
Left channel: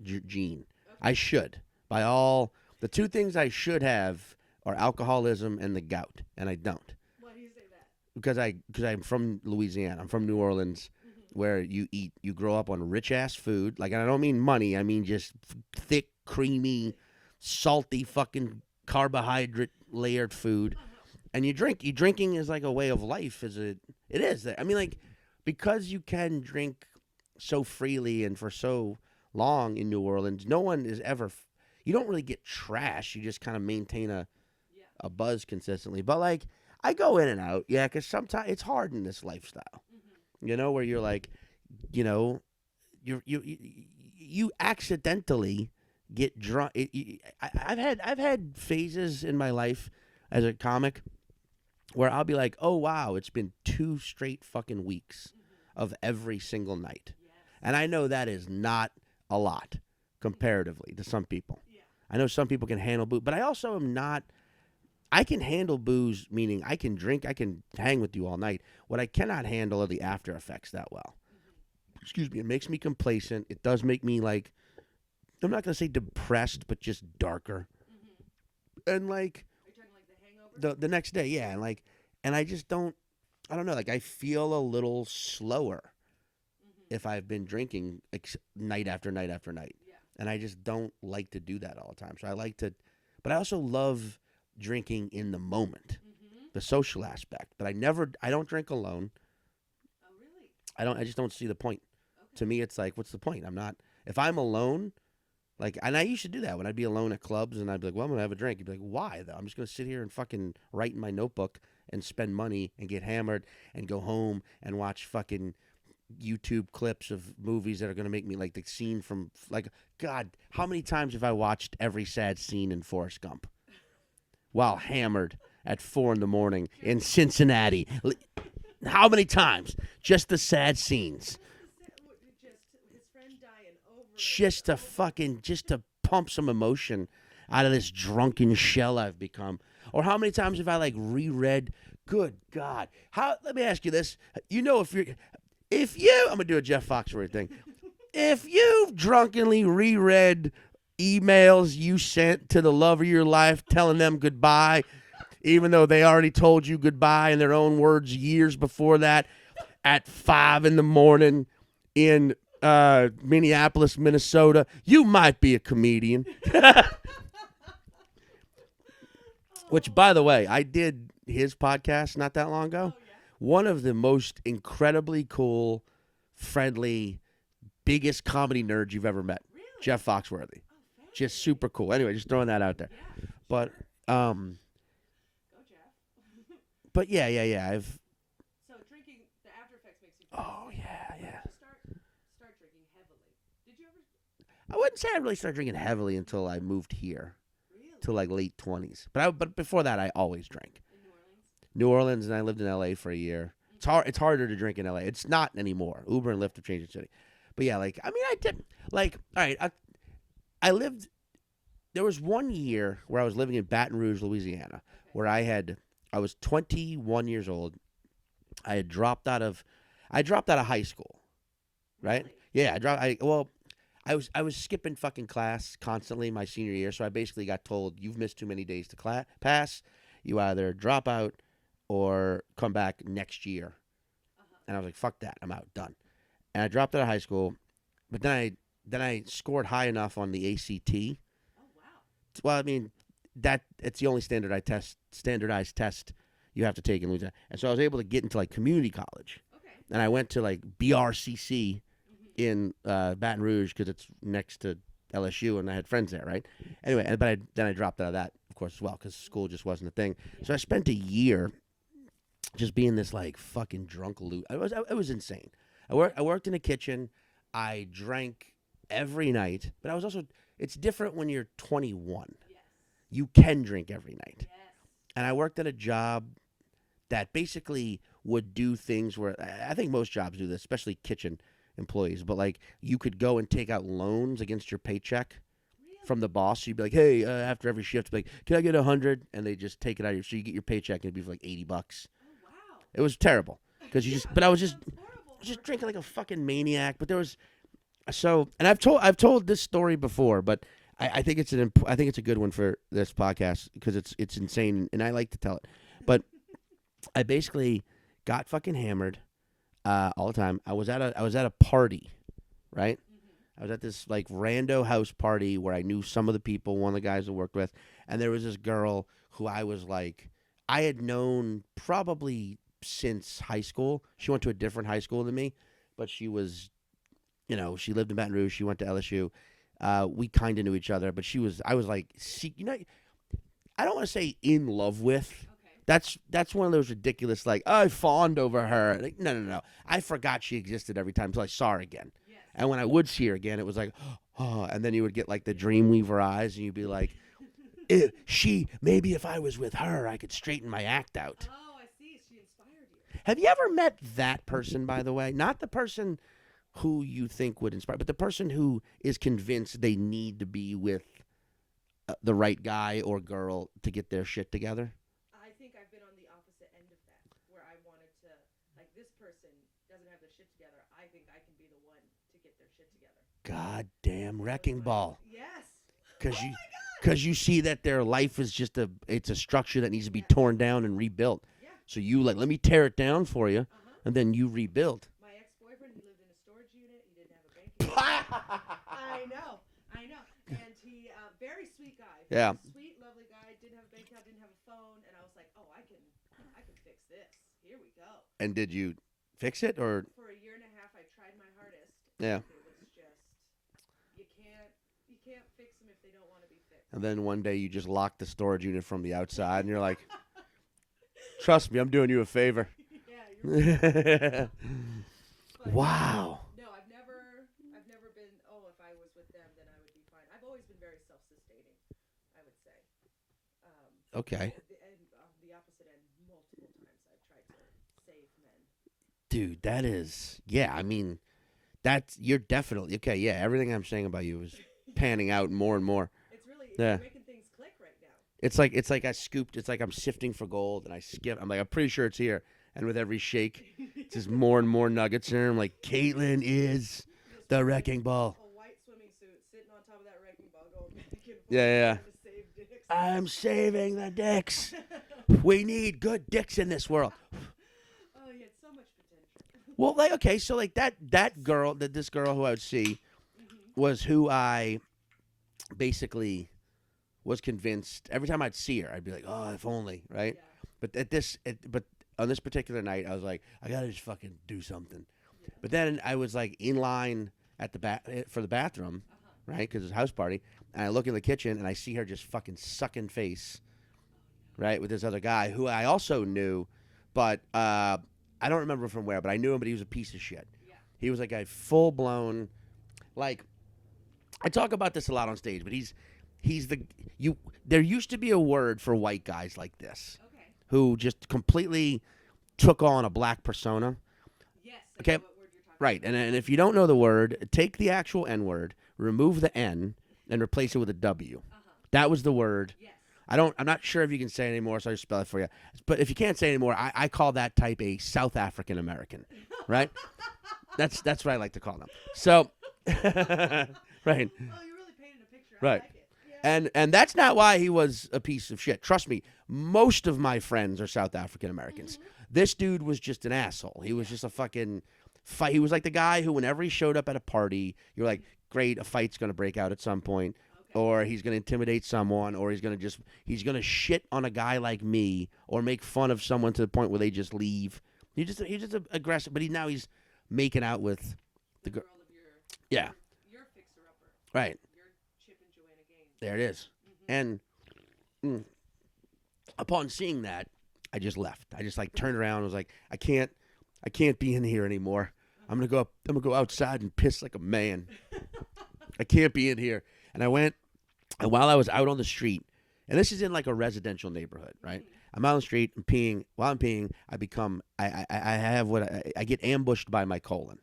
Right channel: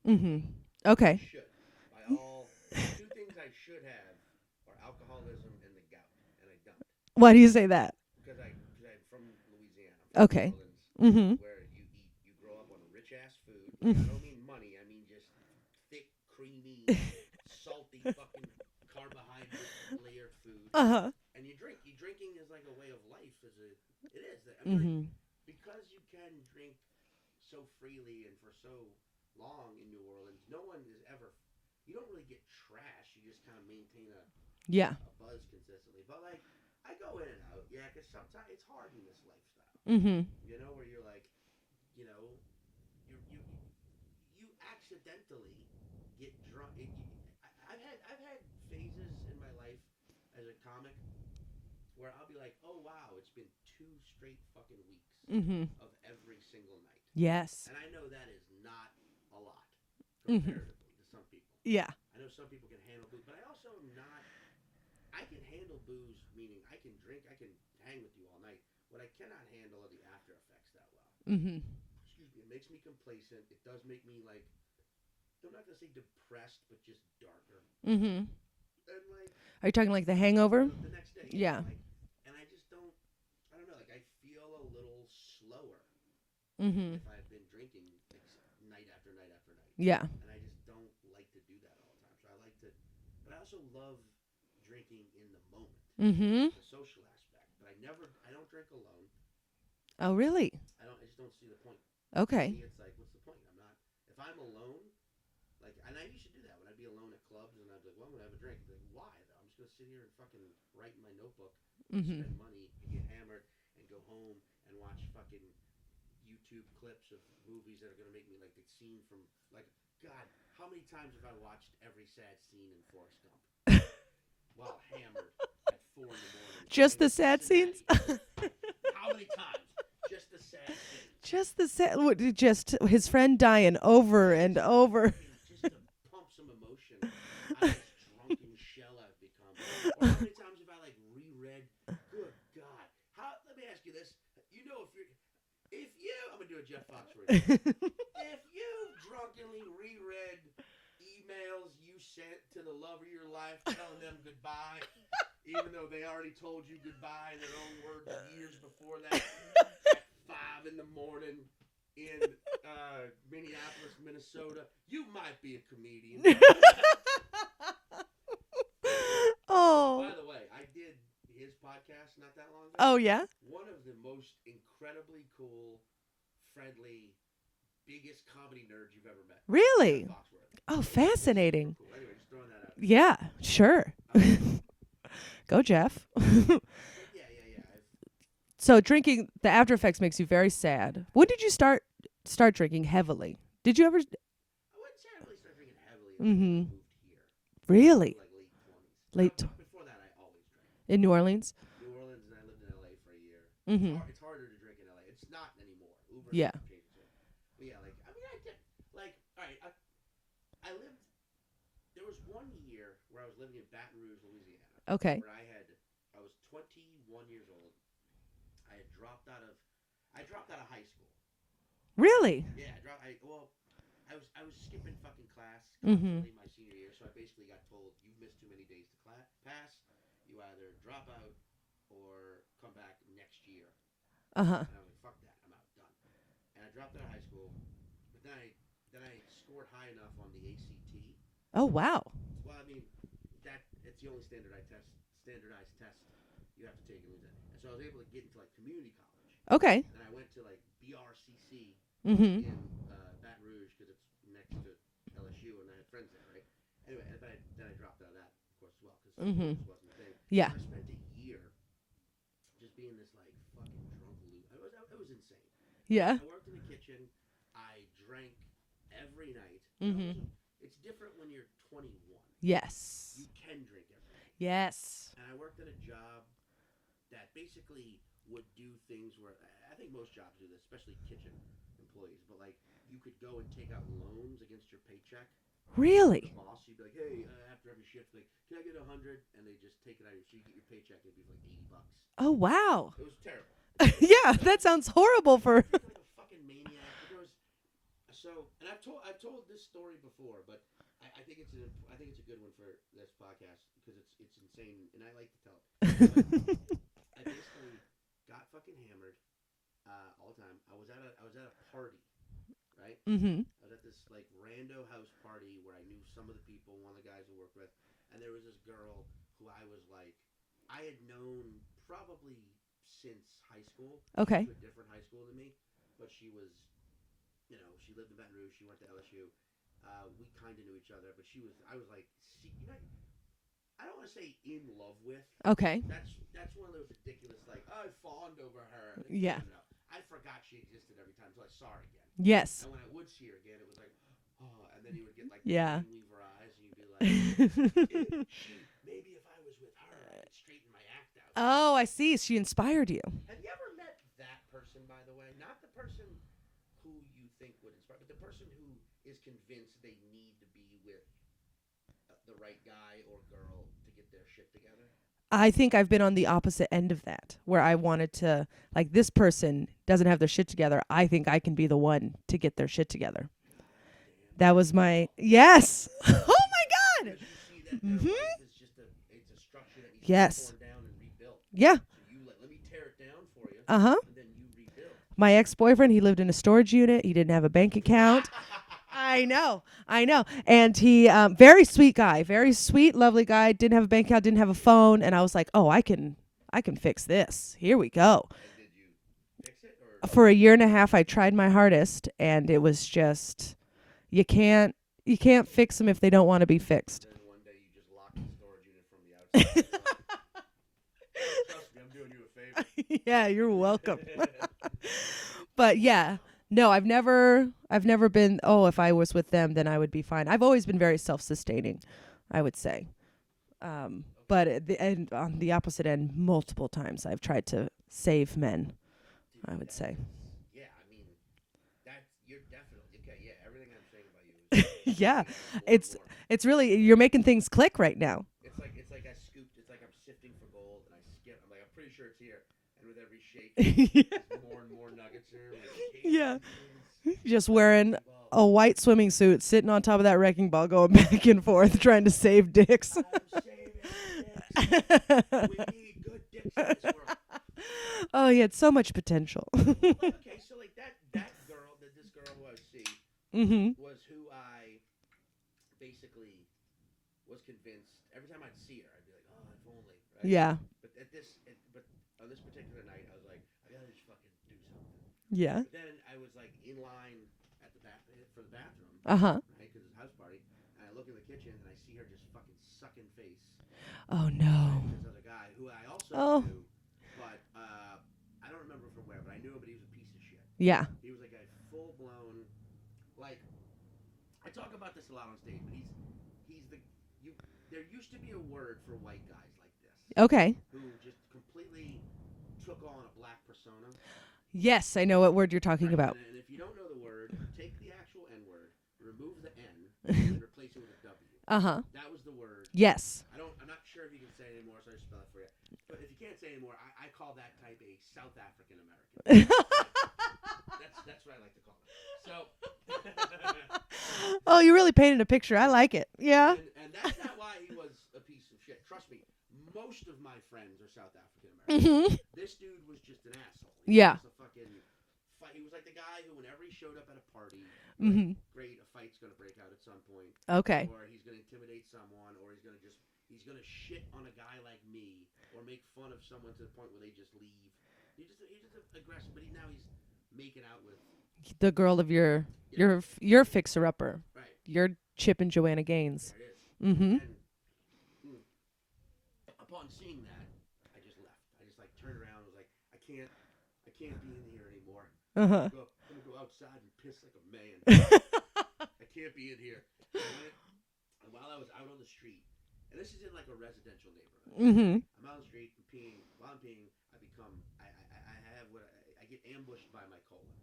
gene. Okay. I should. By all, the two things I should have are alcoholism and the gout, and I don't. Why do you say that? Because I'm from Louisiana. I'm from Okay. New Orleans, where you grow up on rich ass food. Like, and I don't mean money. I mean just thick, creamy, salty, fucking carbohydrate layered food. And you drink. Drinking is like a way of life. It is. I mean, like, because you can drink so freely and for so long in New Orleans, no one is ever. You don't really get trash. You just kind of maintain a buzz consistently. But like, I go in and out, because sometimes it's hard in this lifestyle. You know, where you're like, you know, you accidentally get drunk. I've had phases in my life as a comic where I'll be like, oh wow, it's been 2 straight fucking weeks of every single night. Yes. And I know that is not a lot comparatively to some people. Yeah. I know some people can handle booze, but I also am not. I can handle booze, meaning I can drink, I can hang with you all night. What I cannot handle are the after effects that well. Excuse me. It makes me complacent. It does make me like, I'm not going to say depressed, but just darker. And like. Are you talking like the hangover? The next day, yeah. Yeah. Like, and I just don't. I don't know, like I feel a little slower Mm-hmm. if I've been drinking like night after night after night. Yeah. And I just don't like to do that all the time. So I like to, but I also love drinking in the moment, Mm-hmm. the social aspect. But I don't drink alone. Oh, really? I just don't see the point. Okay. To me, it's like, what's the point? If I'm alone, like, and I used to do that when I'd be alone at clubs and I'd be like, well, I'm going to have a drink. You'd be like, why though? I'm just going to sit here and fucking write in my notebook and spend money and get hammered and go home and watch fucking YouTube clips of movies that are going to make me like the scene from like, God, how many times have I watched every sad scene in Forrest Gump while hammered at 4 a.m. Just in the sad Cincinnati? How many times? Just the sad scenes. Just his friend dying over Just and to over. just to pump some emotion out of this drunken shell I've become. Or how many times have I like reread? Good God! Let me ask you this. You know, I'm gonna do a Jeff Foxworthy thing. If you've drunkenly reread emails you sent to the love of your life, telling them goodbye, even though they already told you goodbye in their own words years before that, at 5 a.m. in Minneapolis, Minnesota, you might be a comedian. Oh. Which, by the way, I did his podcast not that long ago. Oh, yeah? One of the most incredibly cool, friendly, biggest comedy nerds you've ever met. Really? Jeff Foxworthy. Oh, Just fascinating. super cool. Anyway, just throwing that out there. Yeah, sure. Go, Jeff. But yeah. So drinking, the after effects makes you very sad. Yeah, When did you start drinking heavily? Did you ever? I wouldn't say I really started drinking heavily until I moved here. Really? To like late 20s. But before that, I always drank. In New Orleans? New Orleans, and I lived in L.A. for a year. Mm-hmm. It's harder to drink in L.A. It's not anymore. Uber and Lyft have changed the city. But yeah, like, I mean, I did, like, all right, I lived, there was 1 year where I was living in Baton Rouge, Louisiana. Okay. Where I was 21 years old. I had dropped out of high school. Really? Right? Yeah, I was skipping fucking class constantly my senior year, so I basically got told, you've missed too many days to pass. You either drop out or come back next year. Uh-huh. And I was like, fuck that, I'm out, done. And I dropped out of high school, but then I scored high enough on the ACT. Oh, wow. Well, I mean, it's the only standardized test you have to take in Louisiana. And so I was able to get into like community college. Okay. And I went to like BRCC in Baton Rouge because it's next to LSU, and I had friends there, right? Anyway, then I dropped out of that, of course, as well, because school just wasn't a thing. Yeah. So I spent a year just being this like fucking drunk loot. It was insane. I worked in a kitchen. I drank every night. But I was also, it's different when you're 21. Yes. You can drink every night. Yes. And I worked at a job that basically would do things where, I think most jobs do this, especially kitchen employees, but like you could go and take out loans against your paycheck. Really? From the boss. So you'd be like, hey, after every shift, be like, can I get 100? And they just take it out of you. So you get your paycheck and it'd be for like $80. Oh, wow. It was terrible. Yeah, that sounds horrible for drinking like a fucking maniac. But there was and I've told this story before, but I think it's a good one for this podcast because it's insane and I like to tell it. But I basically got fucking hammered all the time. I was at a party, right? Mm-hmm. I was at this like rando house party where I knew some of the people, one of the guys I worked with, and there was this girl who I had known probably since high school. Okay. She went to a different high school than me, but she was, she lived in Baton Rouge. She went to LSU. We kind of knew each other, but I was like, I don't want to say in love with. Okay. That's one of those ridiculous, like, I fawned over her. Like, no. I forgot she existed every time until I saw her again. Yes. And when I would see her again, it was like, oh, and then you would get like the Dreamweaver eyes, and you'd be like, maybe if I was with her, I could straighten my act out. Oh, I see. She inspired you. Have you ever met that person, by the way? Not the person who you think would inspire, but the person who is convinced they need to be with the right guy or girl to get their shit together? I think I've been on the opposite end of that, where I wanted to, like, this person doesn't have their shit together. I think I can be the one to get their shit together. God damn. That was my ball. yes. Oh my Because you see that their life is just it's a structure that needs to be torn down and rebuilt. Yeah. So you let me tear it down for you, and then you rebuild. My ex-boyfriend, he lived in a storage unit. He didn't have a bank account. I know. And he, very sweet guy, very sweet, lovely guy. Didn't have a bank account, didn't have a phone, and I was like, oh, I can fix this. Here we go. And did you fix it, or for a year and a half? I tried my hardest, and it was just, you can't fix them if they don't want to be fixed. And then one day you just locked the storage unit from the outside, and you're like, trust me, I'm doing you a favor. Yeah, you're welcome. But no, I've never been, oh, if I was with them, then I would be fine. I've always been very self-sustaining, I would say. Okay. But on the opposite end, multiple times I've tried to save men. Dude, that is, I mean, you're definitely, okay, everything I'm saying about you is panning out more and more. It's really, you're making things click right now. It's like it's like I'm sifting for gold, and I'm like, I'm pretty sure it's here. And with every shake, there's more and more nuggets in her. I'm like, Caitlin is just the wearing wrecking ball. A white swimming suit, sitting on top of that wrecking ball, going back and forth, trying to save dicks. I'm saving the dicks. We need good dicks in this world. Oh, yeah, it's so much potential. Well, like, okay, so like that girl, this girl who I would see was who I basically was convinced every time I'd see her, I'd be like, oh, if only, right? Yeah. But on this particular night, I was like, I gotta just fucking do something. Yeah. But then I was like in line at the for the bathroom, right? Because it's a house party, and I look in the kitchen and I see her just fucking sucking face. Oh no. Right, with this other guy who I also knew, but I don't remember from where, but I knew him, but he was a piece of shit. Yeah. He was like a full blown, like, I talk about this a lot on stage, but there used to be a word for white guys like this. Okay. Who just completely took on a black persona. Yes, I know what word you're talking about. Right, and if you don't know the word, take the actual N-word, remove the N, and replace it with a W. That was the word. Yes. I'm not sure if you can say it anymore, so I just spell it for you. But if you can't say it anymore, I call that type a South African American. Right? That's what I like to call them. So, right. Oh, you really painted a picture. I like it. Yeah. And that's not why he was a piece of shit. Trust me, most of my friends are South African Americans. This dude was just an asshole. He was just a fucking fight. He was like the guy who, whenever he showed up at a party, you're like, great, a fight's gonna break out at some point. Okay. Or he's gonna intimidate someone, or he's gonna shit on a guy like me, or make fun of someone to the point where they just leave. He's just aggressive, but he's making out with the girl of your fixer upper. Right. Your Chip and Joanna Gaines. There it is. And upon seeing that, I just left. I just like turned around and was like, I can't be in here anymore. I'm gonna go outside and piss like a man. I can't be in here. And I went, and while I was out on the street, and this is in like a residential neighborhood. Right? I'm out on the street and peeing. While I'm peeing, I get ambushed by my colon,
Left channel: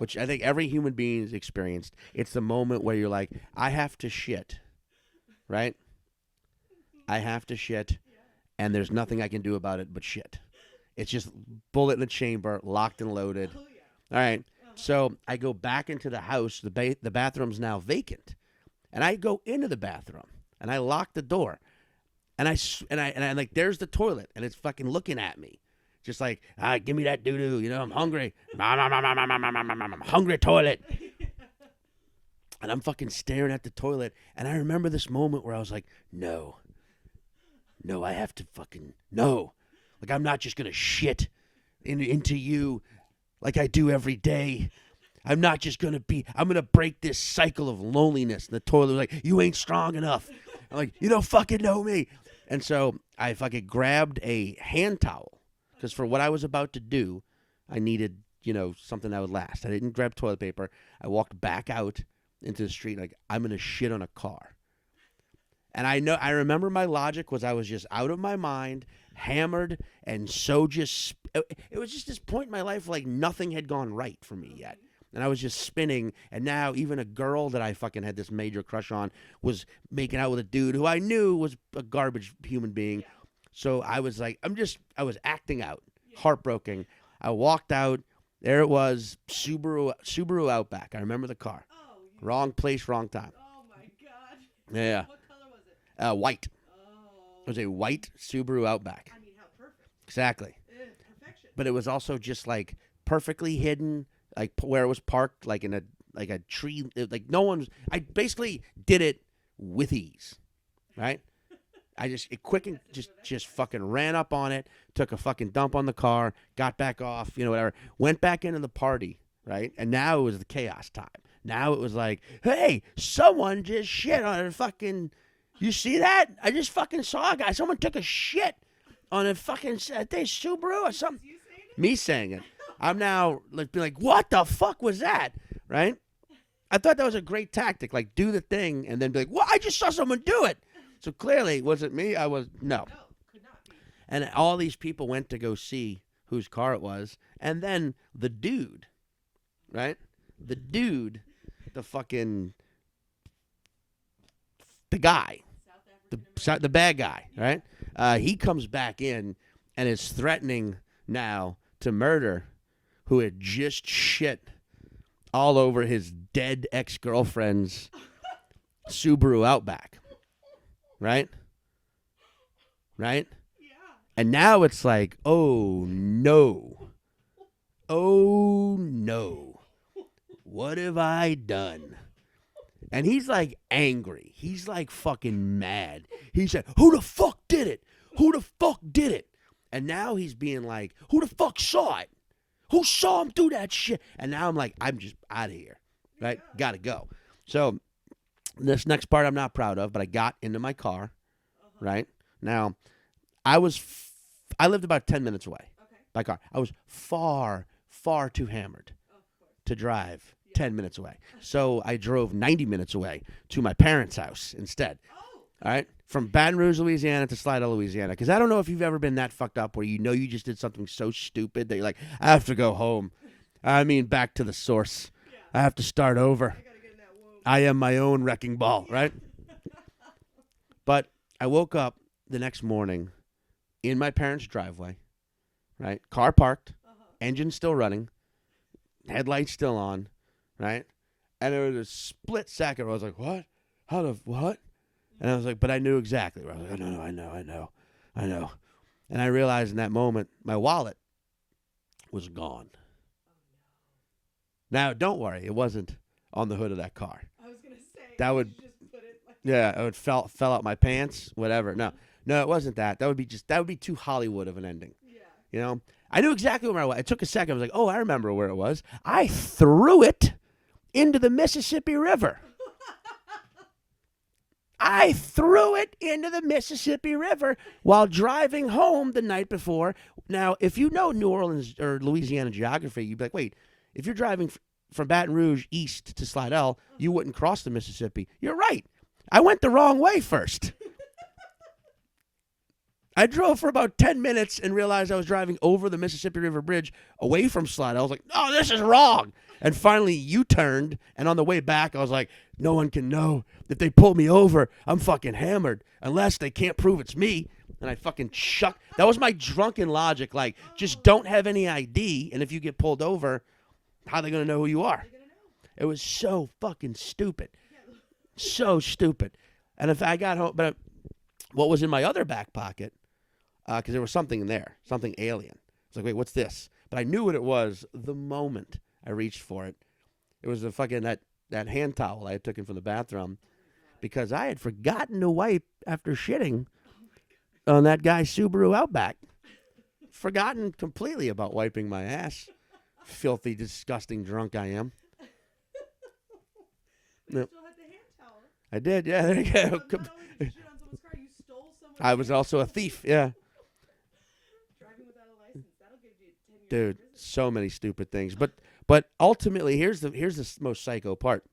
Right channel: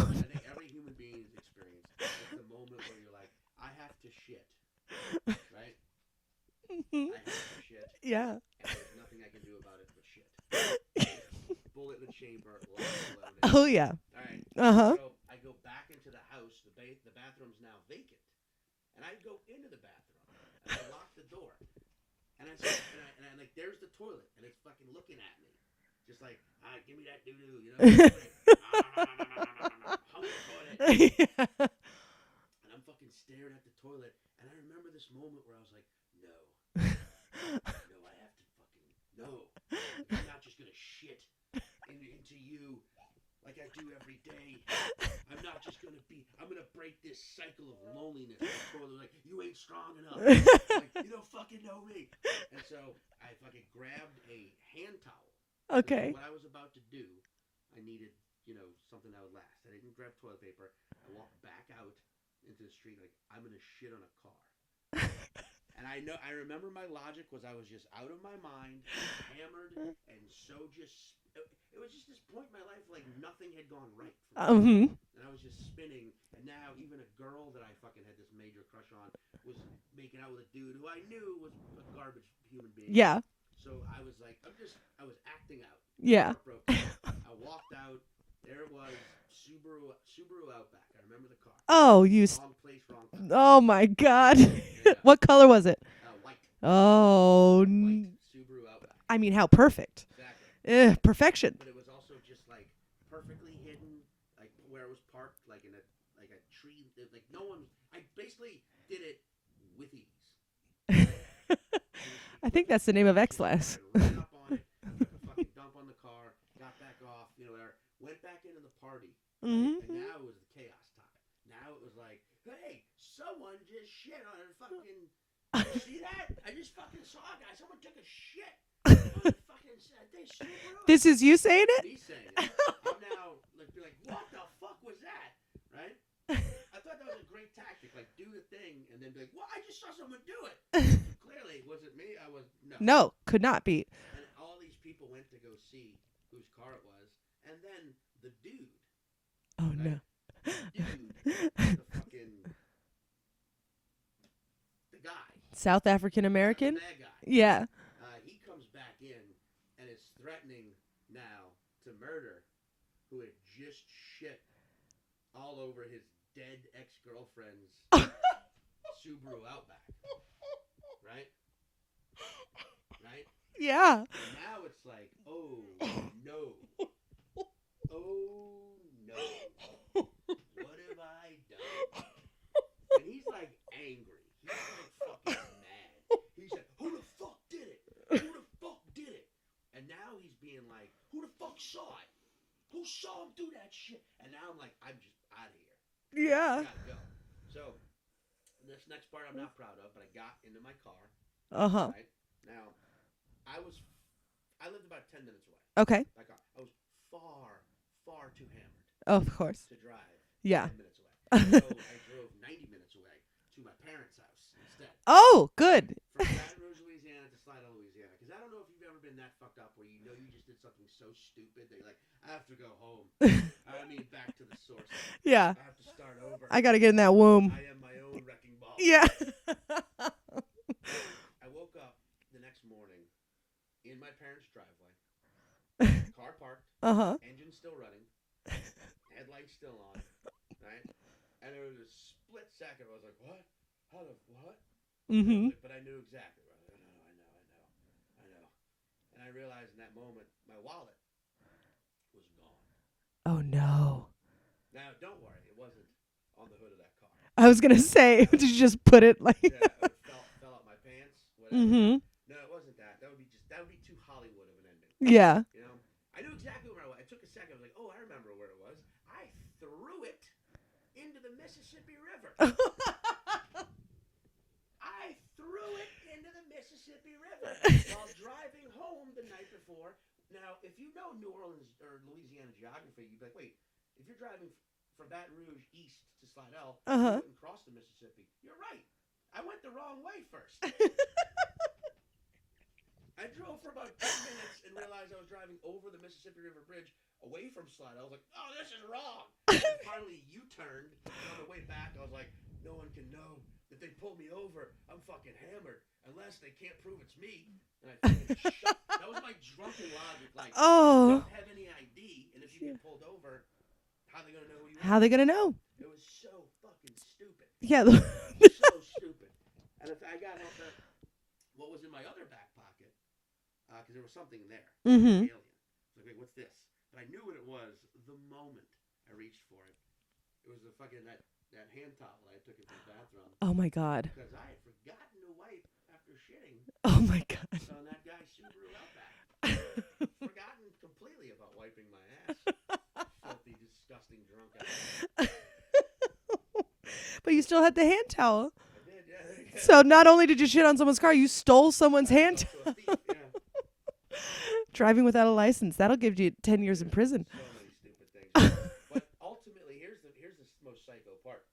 which I think every human being has experienced. It's the moment where you're like, I have to shit, right? I have to shit. Yeah. And there's nothing I can do about it but shit. It's just bullet in the chamber, locked and loaded. Oh, yeah. All right. So I go back into the house. The bathroom's now vacant. And I go into the bathroom, and I lock the door. And I like, there's the toilet, and it's fucking looking at me. Just like, give me that doo-doo, you know, I'm hungry. I'm hungry toilet. And I'm fucking staring at the toilet, and I remember this moment where I was like, no, I have to fucking, no. Like, I'm not just going to shit into you like I do every day. I'm not just going to I'm going to break this cycle of loneliness. And the toilet was like, you ain't strong enough. Like, you don't fucking know me. And so I fucking grabbed a hand towel. Because for what I was about to do, I needed, something that would last. I didn't grab toilet paper. I walked back out into the street like, I'm going to shit on a car. And I remember my logic was I was just out of my mind, hammered, and so just, it was just this point in my life like nothing had gone right for me. And I was just spinning, and now even a girl that I fucking had this major crush on was making out with a dude who I knew was a garbage human being. Yeah. So I was like, I was acting out. Yeah. Heartbroken. I walked out. There it was, Subaru Outback. I remember the car. Oh, Wrong place, wrong time. Oh my God. Yeah. What color was it? White. Oh. It was a white Subaru Outback. I mean, how perfect. Exactly. Perfection. But it was also just like perfectly hidden, like where it was parked, like in a tree. Like no one. I basically did it with ease. Right. I think that's the name of just X-Lass. fucking ran up on it, took a fucking dump on the car, got back off, whatever. Went back into the party, right? Mhm. And now it was the chaos time. Now it was like, hey, someone just shit on a fucking. You see that? I just fucking saw a guy. Someone took a shit on a fucking Subaru. This is you saying it? Me saying it. I'm now be like, what the fuck was that? Right? I thought that was a great tactic. Like, do the thing and then be like, well, I just saw someone do it. So clearly, was it me? No. No, could not be. And all these people went to go see whose car it was. And then the dude, Oh, right? No. The dude, the guy. South African American? The bad guy. Yeah. Right? He comes back in and is threatening now to murder who had just shit all over his dead ex-girlfriend's Subaru Outback. Right? Right? Yeah. And now it's like, oh, no. Oh, no. What have I done? And he's like angry. He's like fucking mad. He said, who the fuck did it? Who the fuck did it? And now he's being like, who the fuck saw it? Who saw him do that shit? And now I'm like, I'm just out of here. Right? Yeah. Gotta go. So this next part I'm not proud of, but I got into my car. Uh-huh. Right? Now, I lived about 10 minutes away Okay. by car. I was far too hammered Of course. to drive Yeah. 10 minutes away. So I drove 90 minutes away to my parents' house instead. Oh, good. Right? From Baton Rouge, Louisiana to Slidell, Louisiana. Because I don't know if you've ever been that fucked up where you just did something so stupid that you're like, I have to go home. I mean, back to the source. Yeah. I have to start over. I got to get in that womb. I am my own wrecking ball. Yeah. Right? But I woke up the next morning in my parents' driveway. Right? Car parked. Uh-huh. Engine still running. Headlights still on. Right? And there was a split second where I was like, what? How the what? Mm-hmm. And I was like, but I knew exactly. I was like, I know. And I realized in that moment, my wallet was gone. Oh, no. Now, don't worry. It wasn't on the hood of that car. I was going to say, That did was- you just put it like... Yeah, it fell out my pants, whatever. Mhm. No, it wasn't that. That would be too Hollywood of an ending. Yeah. You know? I knew exactly where I was. It took a second. I was like, oh, I remember where it was. I threw it into the Mississippi River. I threw it into the Mississippi River while driving home the night before. Now, if you know New Orleans or Louisiana geography, you'd be like, wait, if you're driving from Baton Rouge east to Slidell, you wouldn't cross the Mississippi. You're right. I went the wrong way first. I drove for about 10 minutes and realized I was driving over the Mississippi River Bridge away from Slidell. I was like, oh, this is wrong. And finally U-turned, and on the way back, I was like, no one can know. If they pull me over, I'm fucking hammered unless they can't prove it's me. And I fucking shut. That was my drunken logic. Like, just don't have any ID, and if you get pulled over, how are they going to know who you are? How are they going to know? It was so fucking stupid. Yeah. So stupid. And if I got home, but what was in my other back pocket, because there was something in there, something alien. I was like, wait, what's this? But I knew what it was the moment I reached for it. It was the fucking that hand towel I had taken from the bathroom. Oh, my God. Because I had forgotten to wipe after shitting Oh, my God. on that guy's Subaru Outback. Forgotten completely about wiping my ass. Filthy, disgusting drunk I am. But you still had the hand towel. I did, yeah. There you go. So not only did you shit on someone's car, you stole someone's I hand was also a thief, yeah. Driving without a license. That'll give you 10 years in Dude, prison. So many stupid things. But ultimately, here's the most psycho part.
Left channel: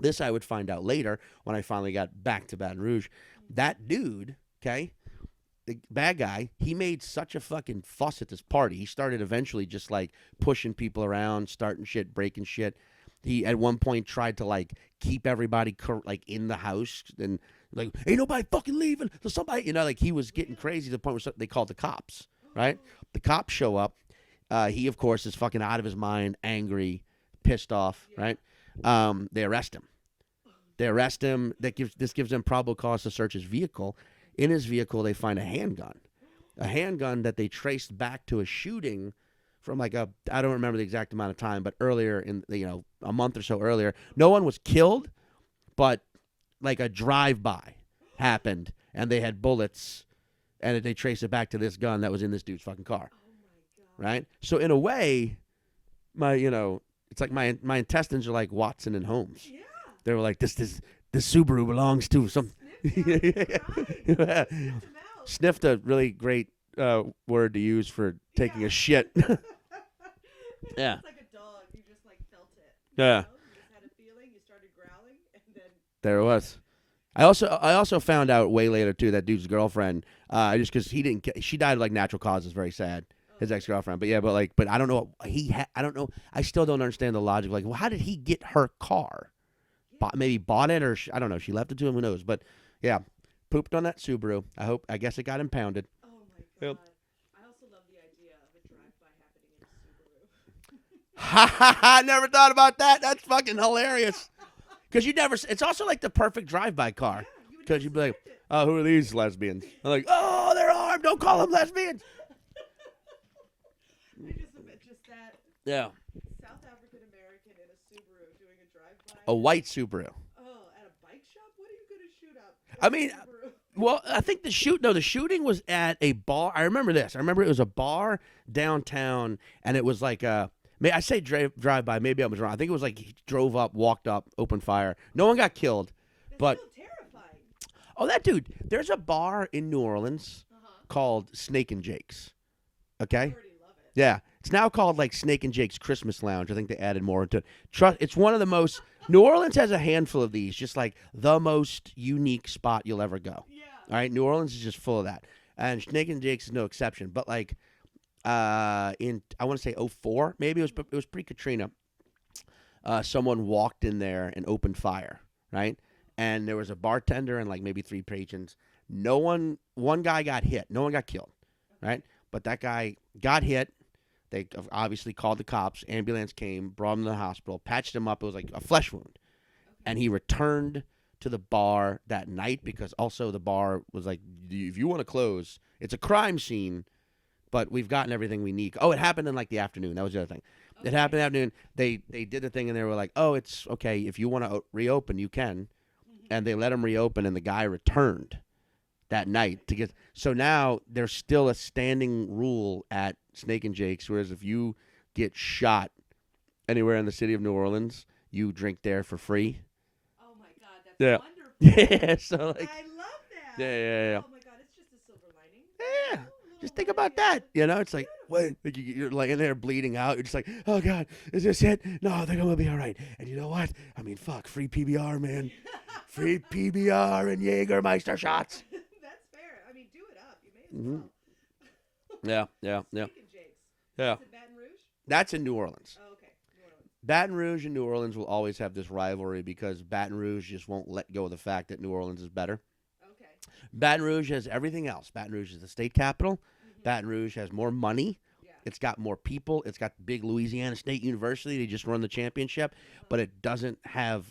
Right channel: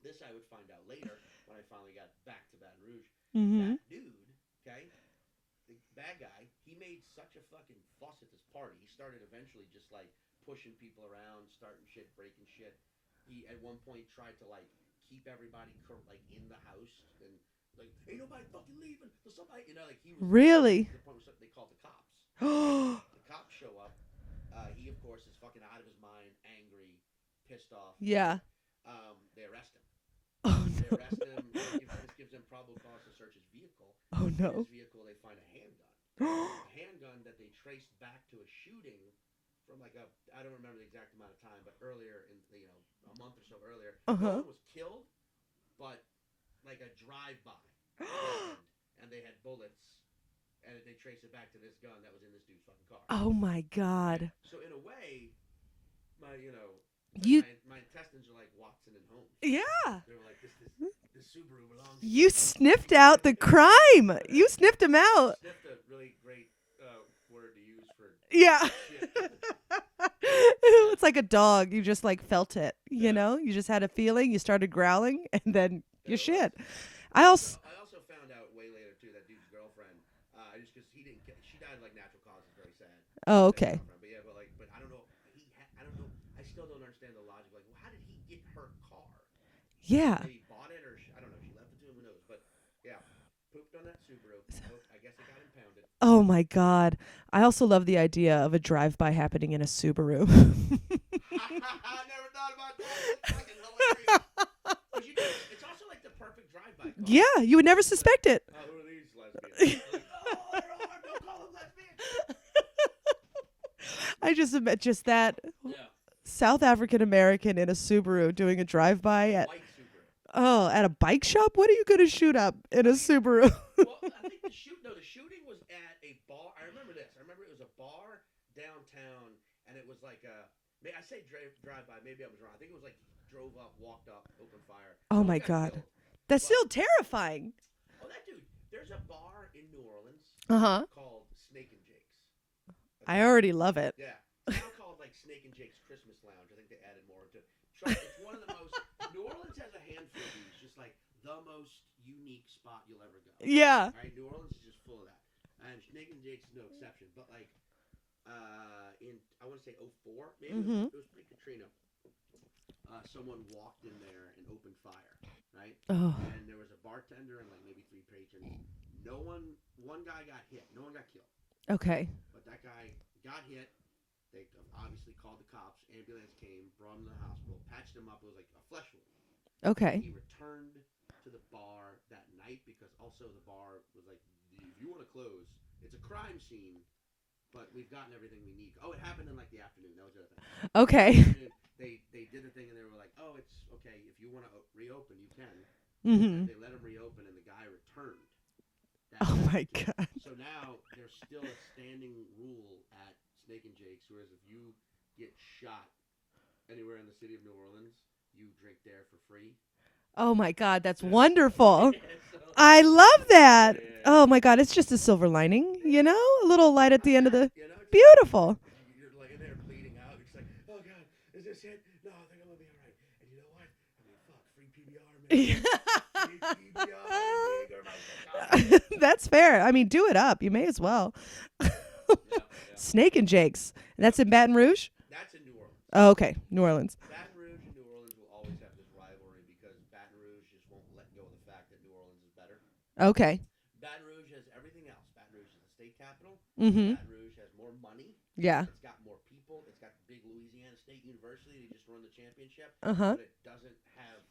This I would find out later when I finally got back to Baton Rouge. Mhm. That dude, okay, the bad guy, he made such a fucking fuss at this party. He started eventually just like pushing people around, starting shit, breaking shit. He at one point tried to like keep everybody like in the house and like ain't nobody fucking leaving. So somebody, like he was getting Really? crazy to the point where they called the cops. Right? The cops show up. He, of course, is fucking out of his mind, angry, pissed off. Yeah. Right? They arrest him. Oh, They arrest him. This gives them probable cause to search his vehicle. Oh, no. In his vehicle, they find a handgun. A handgun that they traced back to a shooting from like I don't remember the exact amount of time, but earlier a month or so earlier. No one was killed, but like a drive-by happened, and they had bullets, and they traced it back to this gun that was in this dude's fucking car. Oh my God. Right? So in a way, it's like my intestines are like Watson and Holmes. Yeah. They were like, this Subaru belongs to You some. sniffed out the crime. You sniffed him out. Sniffed a really great word to use for taking a shit. It's like a dog. You just like felt it. You know, you just had a feeling. You started growling, and then there it was. Shit. I also found out way later too that dude's girlfriend. Just because she died of like natural causes. Very sad. Oh, his okay. ex-girlfriend. But I don't know. I don't know. I still don't understand the logic. Like, well, how did he get her car? Yeah. Maybe bought it, or I don't know. She left it to him. Who knows? But yeah, pooped on that Subaru. I guess it got impounded. Oh my God. I also love the idea of a drive-by happening in a Subaru. I never thought about that. That's fucking hilarious. Because it's also like the perfect drive-by car. Yeah, you would never You'd be suspect it. Oh, who are these lesbians? I'm like, oh, they're armed. Don't call them lesbians. I just that Yeah. South African American in a Subaru doing a drive-by. A white Subaru. Oh, at a bike shop? What are you going to shoot up in a Subaru? Well, I think the shooting was at a bar. I remember this. I remember it was a bar downtown, and it was like I say drive-by. Maybe I was wrong. I think it was like he drove up, walked up, opened fire. No one got killed. That's still terrifying. Oh, that dude. There's a bar in New Orleans called Snake and Jake's. Okay? I already love it. Yeah. It's now called like Snake and Jake's Christmas Lounge. I think they added more into it. It's one of the most. New Orleans has a handful of these, just like the most unique spot you'll ever go. Yeah. All right. New Orleans is just full of that. And Snake and Jake's is no exception. But like I want to say 2004, maybe it was pre-Katrina. Someone walked in there and opened fire, right? Oh. And there was a bartender and like maybe 3 patrons. One guy got hit. No one got killed. Okay. Right? But that guy got hit. They obviously called the cops. Ambulance came, brought him to the hospital, patched him up. It was like a flesh wound. Okay. And he returned to the bar that night because also the bar was like, if you want to close, it's a crime scene, but we've gotten everything we need. Oh, it happened in like the afternoon. That was the other thing. Okay. It happened in the afternoon. They did the thing and they were like, oh, it's okay. If you want to reopen, you can. Mm-hmm. And they let him reopen, and the guy returned that night to get. So now there's still a standing rule at Snake and Jake's, whereas if you get shot anywhere in the city of New Orleans, you drink there for free. Oh my God, that's wonderful. Yeah, so I love that. Yeah. Oh my God, it's just a silver lining, you know, a little light at the end of the. It's beautiful. Like you're laying there bleeding out. You're just like, oh God, is this it? No, they're gonna be all right. And you know what? I mean, fuck, free PBR, man. Free PBR and Jägermeister shots. That's fair. I mean, do it up. You may as well. Yeah. Snake and Jake's. Yeah. That's in Baton Rouge? That's in New Orleans. Oh, okay. New Orleans. Baton Rouge and New Orleans will always have this rivalry because Baton Rouge just won't let go of the fact that New Orleans is better. Okay. Baton Rouge has everything else. Baton Rouge is the state capital. Mm-hmm. Baton Rouge has more money. Yeah. It's got more people. It's got the big Louisiana State University. They just run the championship. But it doesn't have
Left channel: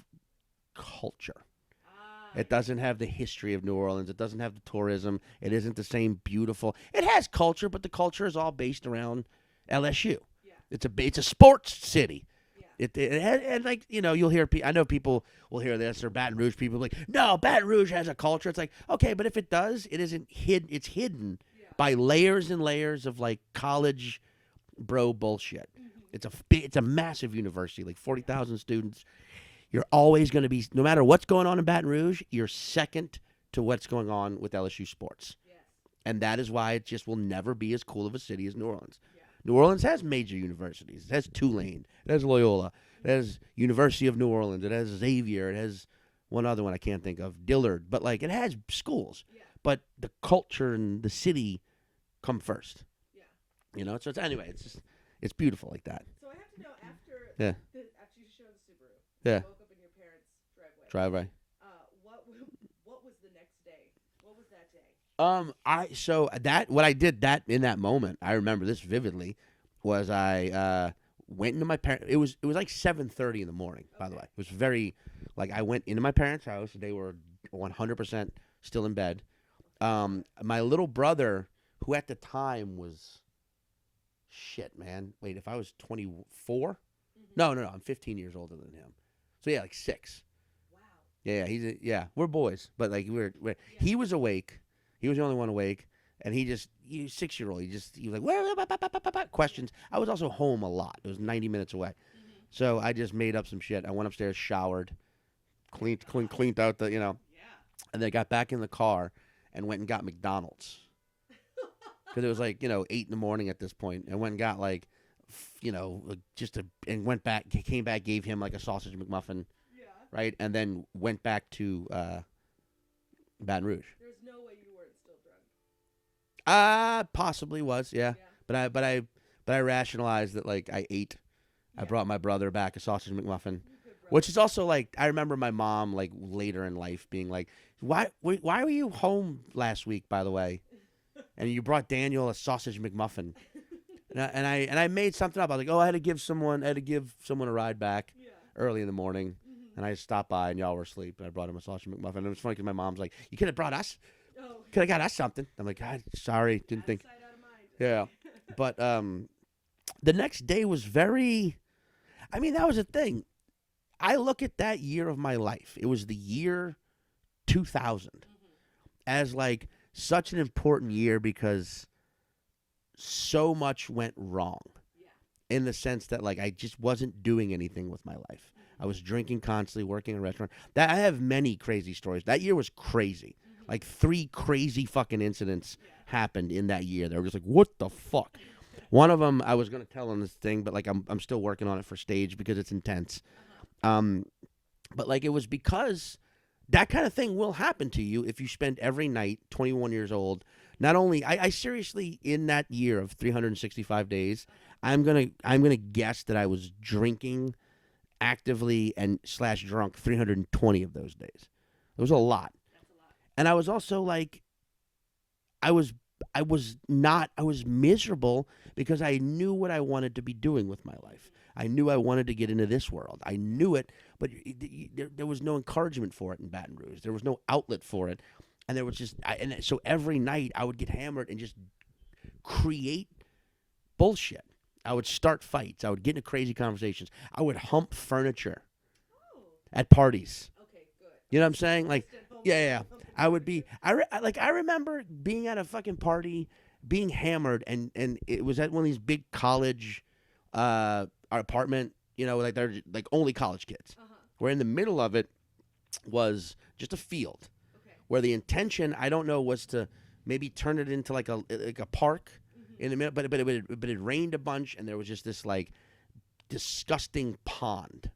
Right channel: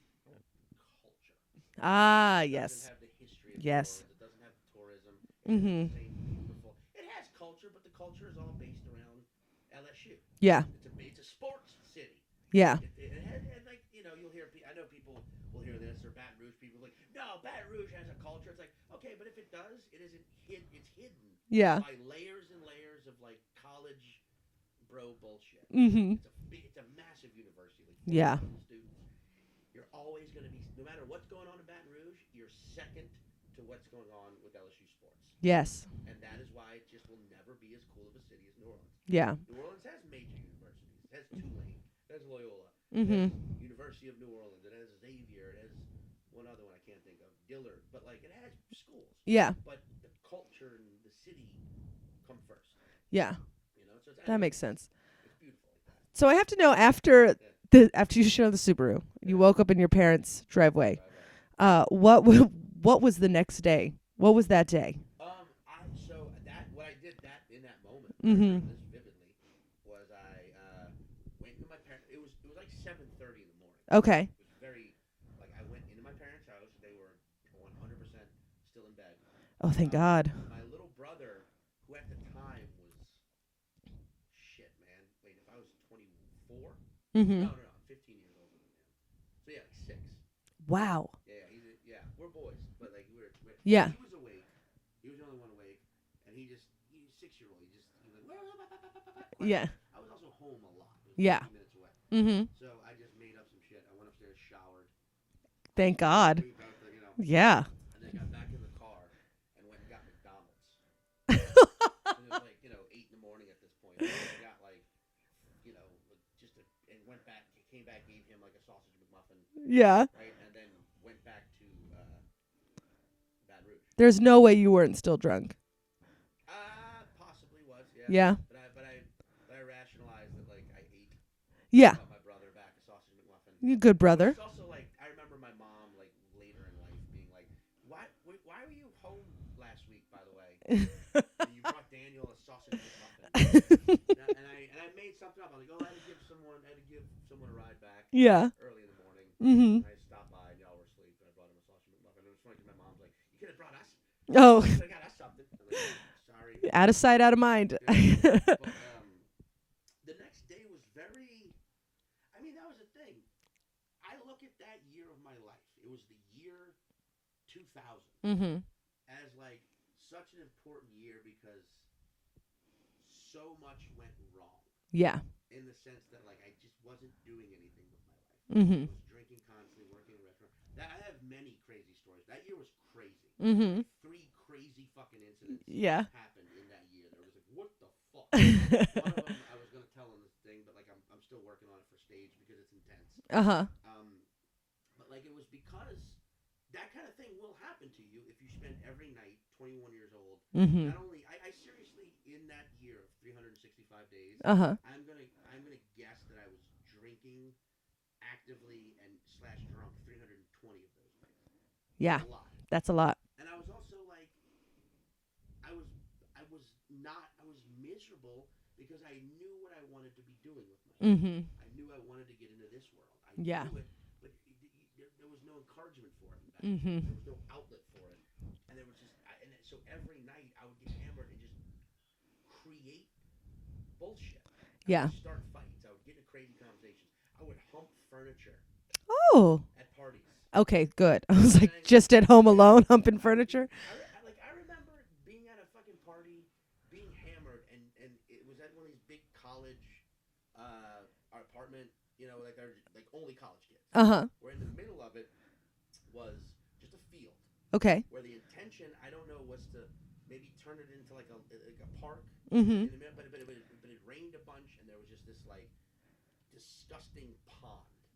culture. It doesn't have the history of New Orleans. It doesn't have the tourism. It isn't the same beautiful. It has culture, but the culture is all based around LSU. Yeah. It's a sports city. Yeah. It has, and like, you'll hear I know people will hear this, or Baton Rouge people like, no, Baton Rouge has a culture. It's like, okay, but if it does, it isn't hidden. It's hidden by layers and layers of like college bro bullshit. Mm-hmm. It's a massive university, like 40,000 students. You're always going to be, no matter what's going on in Baton Rouge, you're second to what's going on with LSU sports. Yes. And that is why it just will never be as cool of a city as New Orleans. Yeah. New Orleans has major universities. It has Tulane. It has Loyola. It has University of New Orleans. It has Xavier. It has one other one I can't think of, Dillard. But, like, it has schools. Yeah. But the culture and the city come first. Yeah. So that makes sense. It's beautiful like that. So I have to know, after you showed the Subaru, you woke up in your parents' driveway. What was the next day? What was that day? What I did in that moment, I remember this vividly. was I went into my parents. It was like 7:30 in the morning. by the Okay. way. It was very like I went into my parents' house. They were 100% still in bed. Oh, thank God. My little brother, who at the time was shit, man. Wait, if I was 24? Mm-hmm. No, I'm 15 years older than him. So yeah, like 6. Wow. Yeah, we're boys, but like we're Yeah. He was awake. He was the only one awake, and he 6-year-old. He was like, what? Questions. Yeah. I was also home a lot. It was Yeah. 90 minutes away. Mm-hmm. So I just made up some shit. I went upstairs, showered. Thank God. Cleaned out the, Yeah. and then got back in the car and went and got McDonald's. Because it was like, 8 in the morning at this point. And went and got like, and went back, came back, gave him like a sausage McMuffin, Yeah. right? And then went back to Baton Rouge. There's no way you weren't still drunk. Possibly was, yeah. Yeah. But I rationalized that like I ate. Yeah. I brought my brother back a sausage McMuffin. You good brother. Which is also like, I remember my mom like later in life being like, why were you home last week, by the way? And you brought Daniel a sausage McMuffin. and I made something up. I was like, I had to give someone a ride back. Yeah. Early in the morning. Mm-hmm. And I stopped by and y'all were asleep. And I brought him a sausage McMuffin. And it was funny because my mom's like, you could have brought us. Oh. You could have got us something. I'm like, sorry. Out of sight, out of mind. Yeah. But the next day was very. I mean, that was the thing. I look at that year of my life. It was the year 2000 Mm-hmm. as like such an important year because so much went wrong Yeah. in the sense that like I just wasn't doing anything with my life. Mm-hmm. I was drinking constantly, working in a restaurant. That I have many crazy stories. That year was crazy. Mm-hmm. Like 3 crazy fucking incidents Yeah. happened in that year. They were just like, what the fuck? One of them I was gonna tell on this thing, but like I'm still working on it for stage because it's intense. Uh-huh. But like it was because that kind of thing will happen to you if you spend every night, 21 years old. Mm-hmm. Not only I seriously in that year of 365 days, Uh-huh. I'm gonna guess that I was drinking actively and / drunk 320 of those days. It was Yeah. a lot. That's a lot. And I was also like, I was miserable because I knew what I wanted to be doing with my life. Mm-hmm. I knew I wanted to get into this world. I Yeah. knew it, but there was no encouragement for it in Baton Rouge. Mhm. There was no outlet for it. And there was just, so every night I would get hammered and just create bullshit. I Yeah. would start fights. I would get into crazy conversations. I would hump furniture Oh. at parties. Okay, good. You know I was what I'm like, saying? Like, just at home yeah, alone yeah. humping I would be. furniture. I remember being at a fucking party, being hammered, and it was at one of these big college, apartment. Like they're like only college kids. Uh-huh. Where in the middle of it was just a field Okay. where the intention I don't know was to maybe turn it into like a park Mm-hmm. in the middle, but it rained a bunch and there was just this like disgusting pond.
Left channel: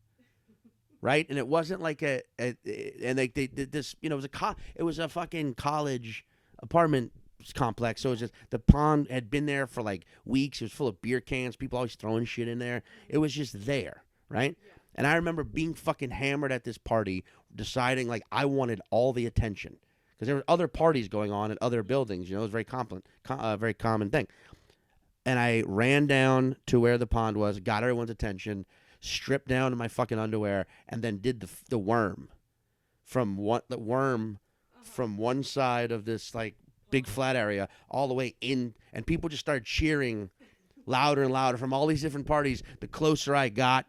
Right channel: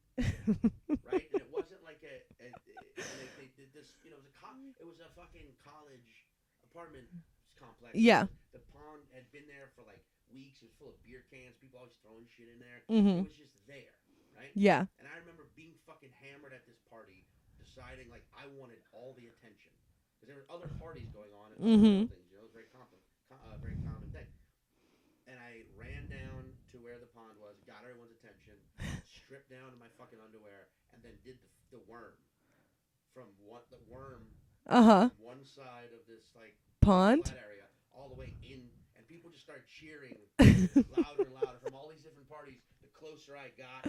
Right, and it wasn't like and like they did this. It was a fucking college apartment complex. So it was Yeah. just, the pond had been there for like weeks. It was full of beer cans. People always throwing shit in there. Mm-hmm. It was just there, right? Yeah. And I remember being fucking hammered at this party, deciding like I wanted all the attention because there were other parties going on at other Mhm. buildings. It was very very common thing. And I ran down to where the pond was, got everyone's attention, stripped down to my fucking underwear, and then did the worm from Uh-huh. from one side of this like Pond? big flat area all the way in, and people just started cheering louder and louder from all these different parties. The closer I got,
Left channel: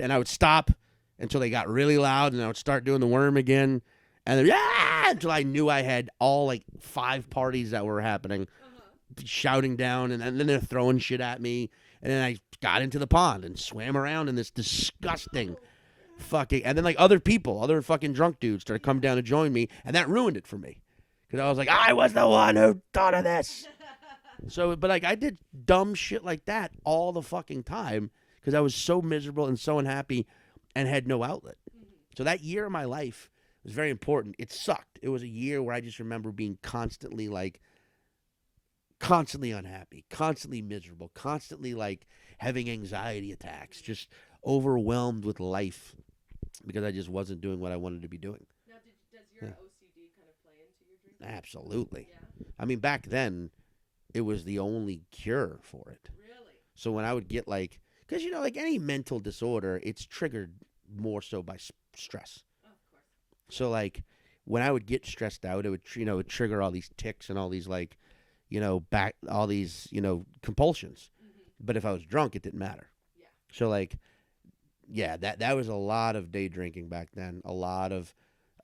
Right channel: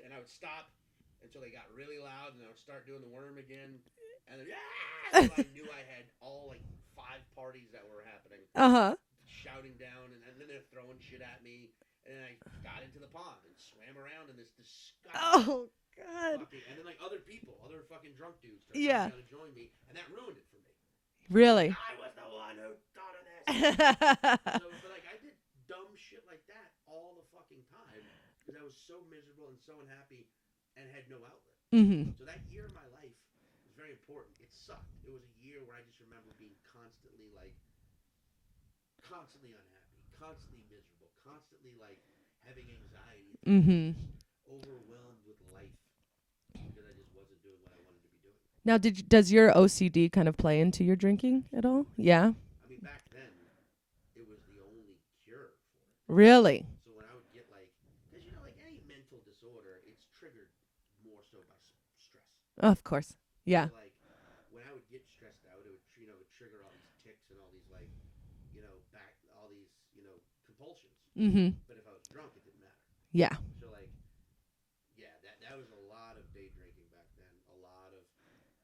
and I would stop until they got really loud, and I would start doing the worm again, and then until I knew I had all like 5 parties that were happening. Uh-huh. Shouting down, and then they're throwing shit at me, and then I got into the pond and swam around in this disgusting Oh, God. fucking, and then like other fucking drunk dudes started coming Yeah. down to join me, and that ruined it for me. I was Really? like, I was the one who thought of this. So, but like I did dumb shit like that all the fucking time because I was so miserable and so unhappy and had no outlet. Mm-hmm. So that year of my life was very important. It sucked. It was a year where I just remember being constantly unhappy, constantly miserable, constantly like having anxiety attacks, Mhm. just overwhelmed with life because I just wasn't doing what I wanted to be doing. Now, does your OCD kind of play into your drinking at all? Absolutely. Yeah. I mean, back then, it was the only cure for it. Really? So when I would get like, because like any mental disorder, it's triggered more so by stress. Of course. Yeah. So like when I would get stressed out, it would it would trigger all these tics and all these like, all these compulsions. Mm-hmm. But if I was drunk, it didn't matter. Yeah. So like, yeah, that was a lot of day drinking back then. A lot of,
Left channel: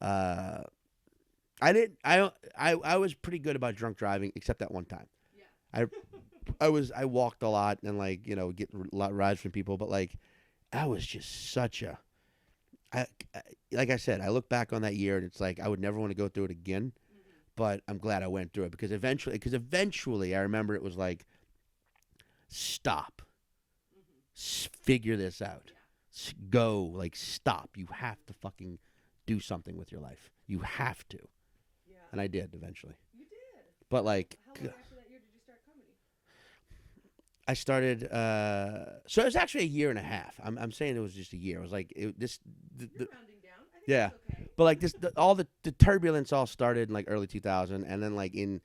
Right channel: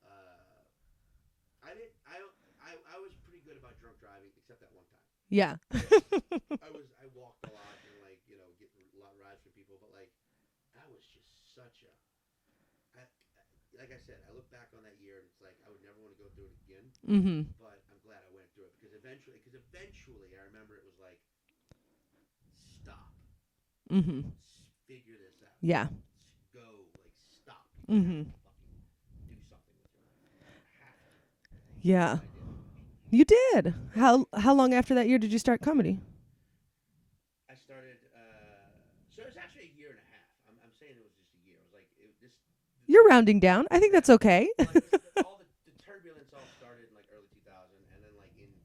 I was pretty good about drunk driving except that one time. Yeah. I walked a lot and like get a lot of rides from people, but like I was just such a, like I said, I look back on that year and it's like I would never want to go through it again. Mm-hmm. But I'm glad I went through it because eventually I remember it was like, stop. Mm-hmm. Figure this out. Yeah. Go, like, stop. You Mm-hmm. have to fucking do something with your life. You have to. Yeah. And I did eventually. You did. But how long after that year did you start comedy? I started. So it was actually a year and a half. I'm saying it was just a year. It was like You're rounding down. I think that's okay. Well, like all the turbulence all started in like early 2000, and then like in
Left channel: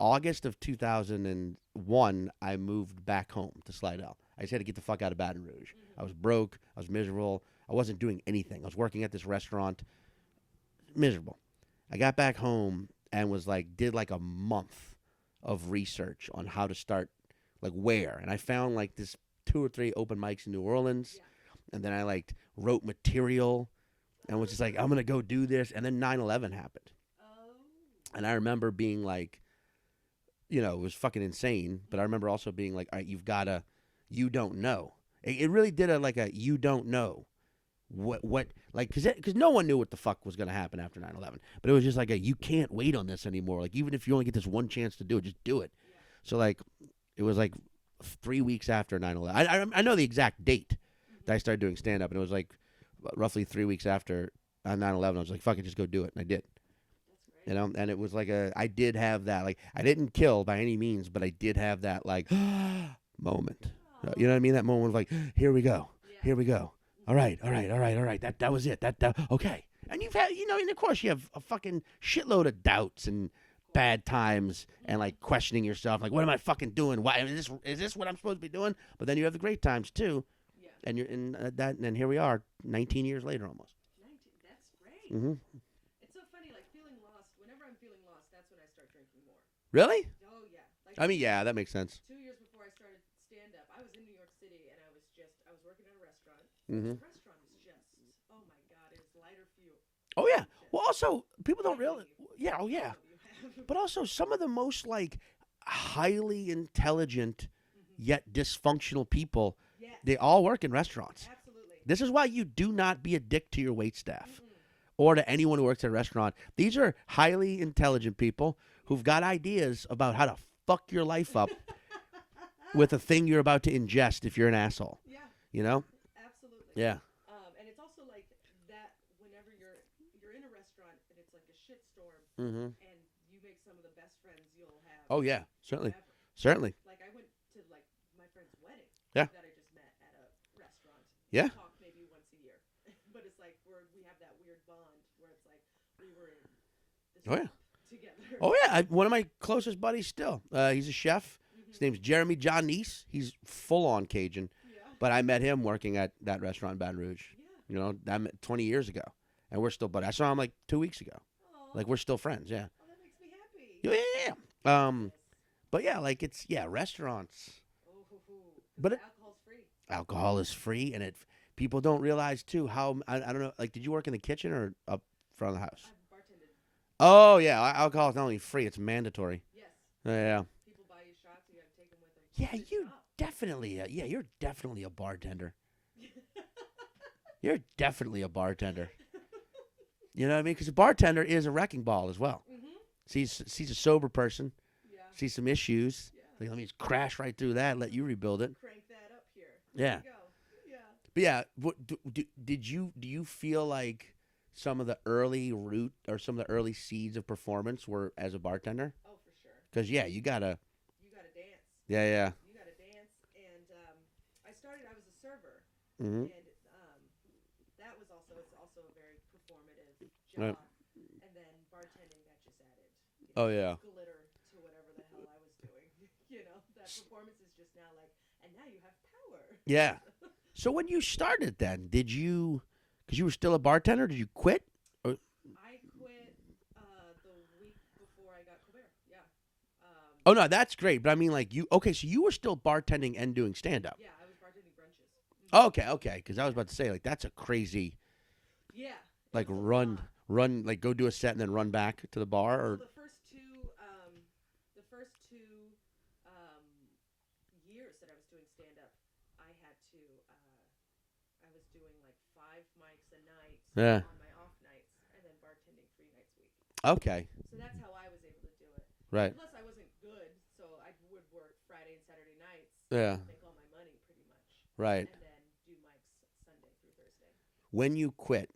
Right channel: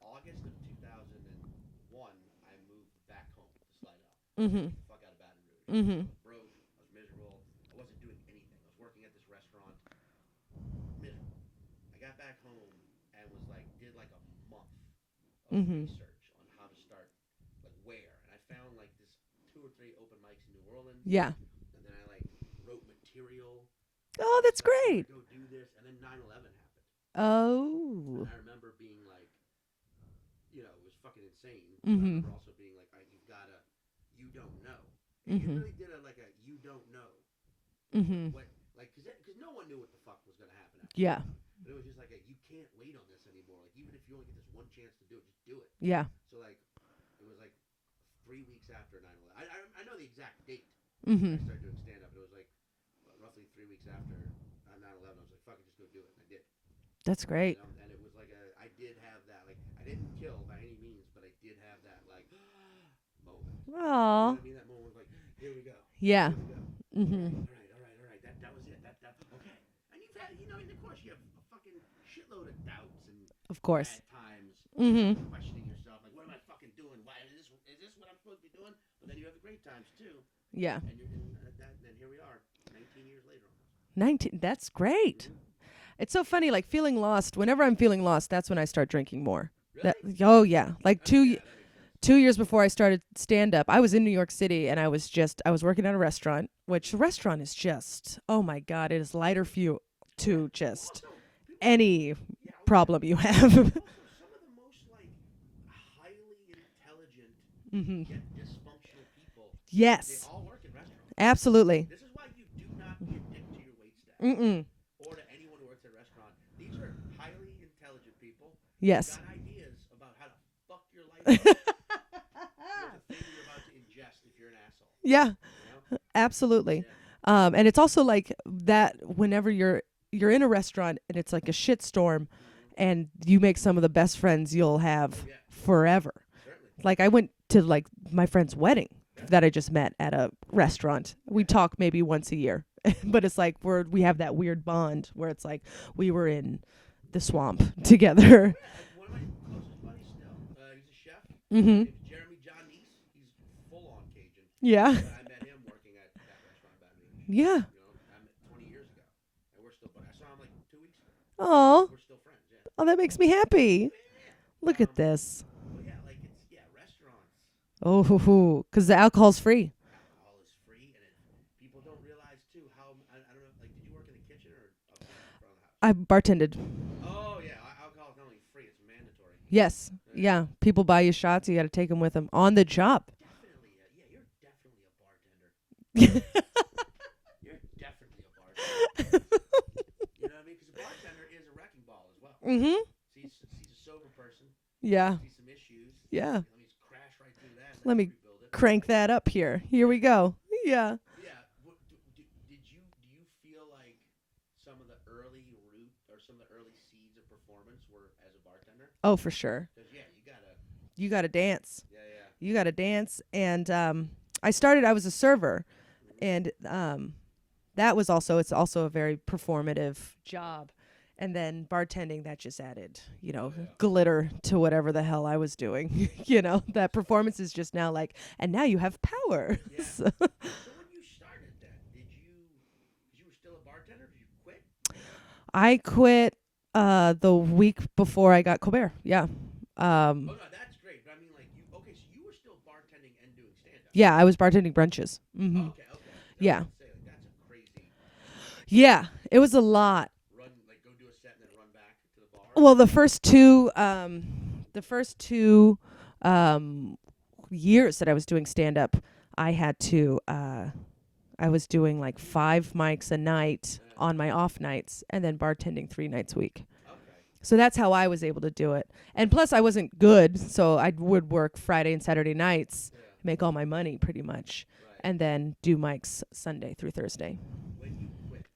August of 2001, I moved back home to Slidell. I just had to get the fuck out of Baton Rouge. Mm-hmm. I was broke. I was miserable. I wasn't doing anything. I was working at this restaurant. Miserable. I got back home and did like a month of research on how to start, like where. And I found like this 2 or 3 open mics in New Orleans. Yeah. And then I like wrote material. Oh, that's great. I'm going to go do this. And then 9/11 happened. Oh. And I remember being like, it was fucking insane. But I remember also being like, all right, you don't know. It really did you don't know what because no one knew what the fuck was going to happen after 9/11. But it was just like you can't wait on this anymore. Like even if you only get this one chance to do it, just do it. Yeah. So like it was like 3 weeks after 9/11. I know the exact date that I started doing stand up, and it was like roughly 3 weeks after 9/11. I was like, fuck it, just go do it, and I did. That's great. And it was like I did have that, like, I didn't kill by any means, but I did have that, like, moment. Aww. You know what I mean? That moment of, like, here we go. Yeah. Here we go. All right. That was it. That okay. And you've had, and of course you have a fucking shitload of doubts and of course. bad times and, like, questioning yourself. Like, what am I fucking doing? Why is this what I'm supposed to be doing? But then you have the great times, too. Yeah. And you're in and here we are, 19 years later almost. 19. That's great. Mm-hmm. It's so funny, like feeling lost. Whenever I'm feeling lost, that's when I start drinking more. Really? Oh, yeah. Like yeah, that makes sense. 2 years before I started stand-up, I was in New York City, and I was working at a restaurant, which the restaurant is just, oh, my God, it is lighter fuel to just well, also, people don't any realize, problem you have. But also, some of the most, like, highly intelligent yet dysfunctional people, yes. they all work in restaurants. Absolutely. This is why you do not be a dick to your waitstaff. Mm-mm. Or to anyone who works at a restaurant. These are highly intelligent people Yes. who've got ideas about how to fuck your life up with a thing you're about to ingest if you're an asshole. Yeah. You know? Absolutely. Yeah. And it's also like that whenever you're in a restaurant and it's like a shitstorm and you make some of the best friends you'll have forever. Certainly. Like I went to like my friend's wedding Yeah. that I just met at a restaurant. We talk maybe once a year, but it's like we have that weird bond where it's like we were in the swamp together. Oh yeah, one of my closest buddies still. He's a chef. Mm-hmm. His name's Jeremy Johnese. He's full on Cajun. Yeah. But I met him working at that restaurant in Baton Rouge. Yeah. You know, I met 20 years ago, and we're still buddies. I saw him like 2 weeks ago. Oh. Like, we're still friends. Yeah. Oh, that makes me happy. Yeah. Look at this. But yeah, like restaurants. Oh, because the alcohol's free. Alcohol is free, and people don't realize too how I don't know. Like, did you work in the kitchen or up front of the house? I bartended. Oh yeah, alcohol is not only free; it's mandatory. Yes. Yeah. Yeah. People buy you shots. You got to take them with them on the job. Definitely. You're definitely a bartender. You're definitely a bartender. You know what I mean? Because a bartender is a wrecking ball as well. Mm-hmm. Sees a sober person. Yeah. Sees some issues. Yeah. Like, let me just crash right through that. Let me you rebuild it. Crank that up here. Here we go. Yeah. But yeah. Do you feel like some of the early root or some of the early seeds of performance were as a bartender? Oh, for sure. Because you gotta dance. Yeah. You gotta dance. And I was a server, Mm-hmm. and it's also a very performative job. And then bartending, that just added, Oh, yeah. glitter to whatever the hell I was doing. That performance is just now like, and now you have power. Yeah. So when you started then, did you, because you were still a bartender, did you quit? I quit the week before I got Colbert. Yeah. Oh, no, that's great. But I mean, like, so you were still bartending and doing stand-up. Yeah, I was bartending brunches. Mm-hmm. Oh, okay. Because I was about to say, like, that's a crazy. Yeah, it like, was a lot. Like, go do a set and then run back to the bar? Well, the first two years that I was doing stand-up, I was doing like 5 mics a night on my off nights and then bartending 3 nights a week. Okay. So that's how I was able to do it. Right. And plus I wasn't good, so I would work Friday and Saturday nights, make all my money pretty much, right, and then do mics Sunday through Thursday. When you quit,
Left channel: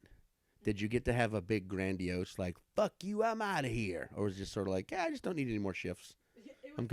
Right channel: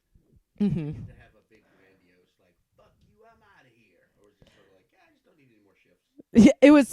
did you get to have a big grandiose, like, fuck you, I'm out of here? Or was it just sort of like, I just don't need any more shifts? Yeah, it was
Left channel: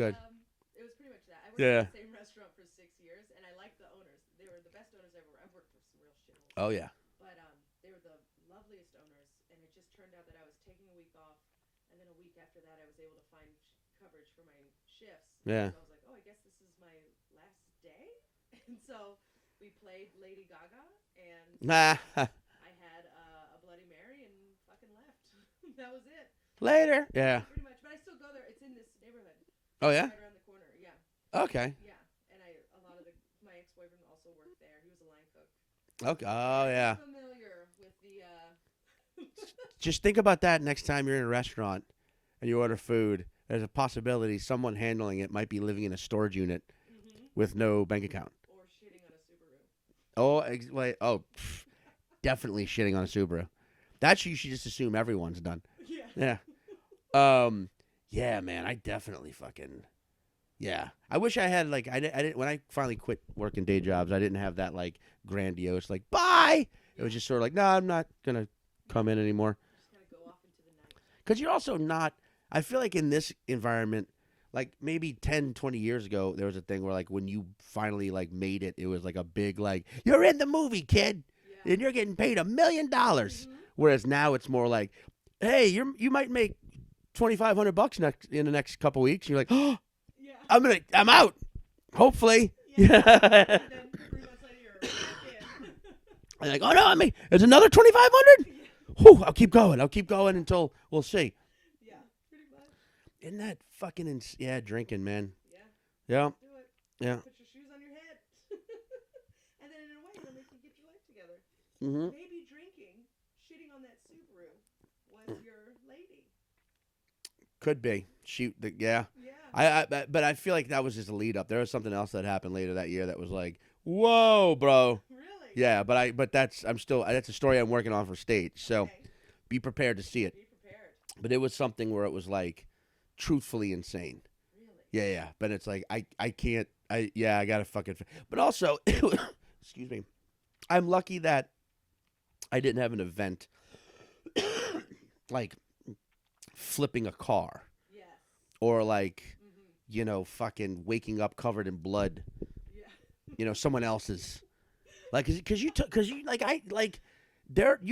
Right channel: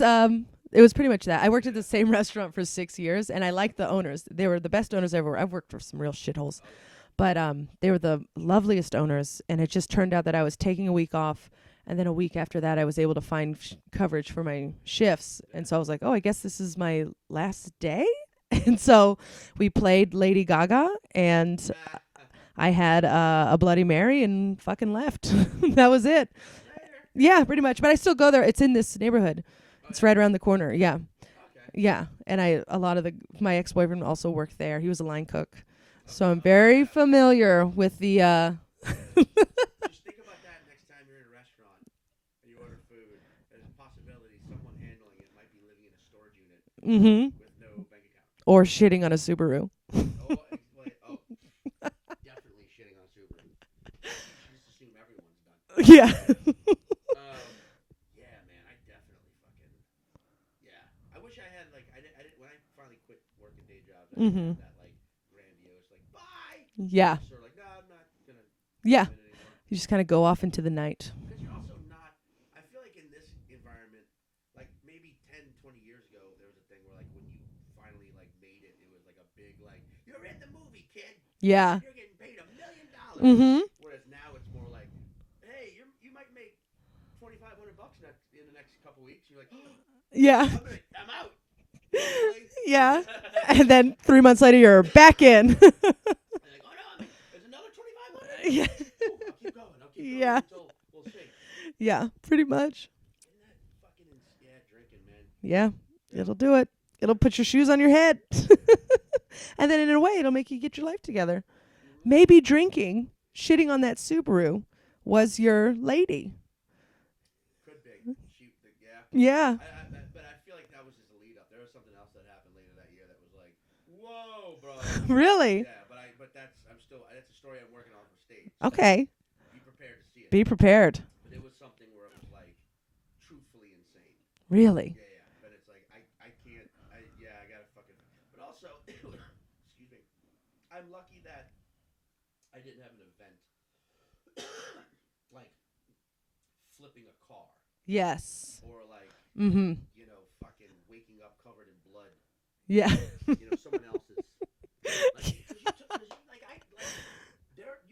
pretty much that. I worked at the same restaurant for 6 years, and I liked the owners. They were the best owners ever. I've worked for some real shitholes. Oh, yeah. But they were the loveliest owners, and it just turned out that I was taking a week off, and then a week after that I was able to find coverage for my shifts. Yeah. And so I was like, oh, I guess this is my last day? And so we played Lady Gaga, and I had a Bloody Mary and fucking left. That was it. Later. Yeah, pretty much. But I still go there. It's in this neighborhood. Oh, It's yeah? right around the corner. Yeah. Okay. Yeah. And my ex-boyfriend also worked there. He was a line cook. Okay. So I'm very familiar with the Just think about that next time you're in a restaurant and you order food. There's a possibility someone handling it might be living in a storage unit with no bank account. Or shitting on a Subaru. Definitely shitting on a Subaru. That you should just assume everyone's done. Yeah. Yeah, man, I definitely fucking. Yeah, I wish I had like I didn't when I finally quit working day jobs. I didn't have that like grandiose like bye. Yeah. I was just sort of like, no, I'm not gonna come in anymore. You just kind of go off into the night. Because you're also not. I feel like in this environment, like maybe 10, 20 years ago, there was a thing where like when you finally like made it, it was like a big like you're in the movie, kid. Yeah. And you're getting paid $1 million. Whereas now it's more like, hey, you might make $2,500 in the next couple weeks. And you're like, oh, yeah, I'm out. Hopefully. Yeah. And then 3 months later, you're back in. And like, oh no, there's another 2,500. Yeah. Whew, I'll keep going until we'll see. Yeah, pretty much. Isn't that fucking drinking, man? Yeah. Yeah. It'll do it. It'll Yeah. put your shoes on your head. And then in a way, it'll make you get your life together. Mm-hmm. Maybe drinking, shitting on that Subaru was your lady. Could be. Yeah. Yeah. But I feel like that was just a lead up. There was something else that happened later that year that was like, whoa, bro. Really? Yeah, but that's a story I'm working on for stage. So Okay. be prepared to see it. Be prepared. But it was something where it was like truthfully insane. Really? Yeah. But it's like I can't. I gotta fucking. But also, excuse me, I'm lucky that I didn't have an event like flipping a car. Yes. Or like fucking waking up covered in blood. Yeah. Someone else's. Like, because you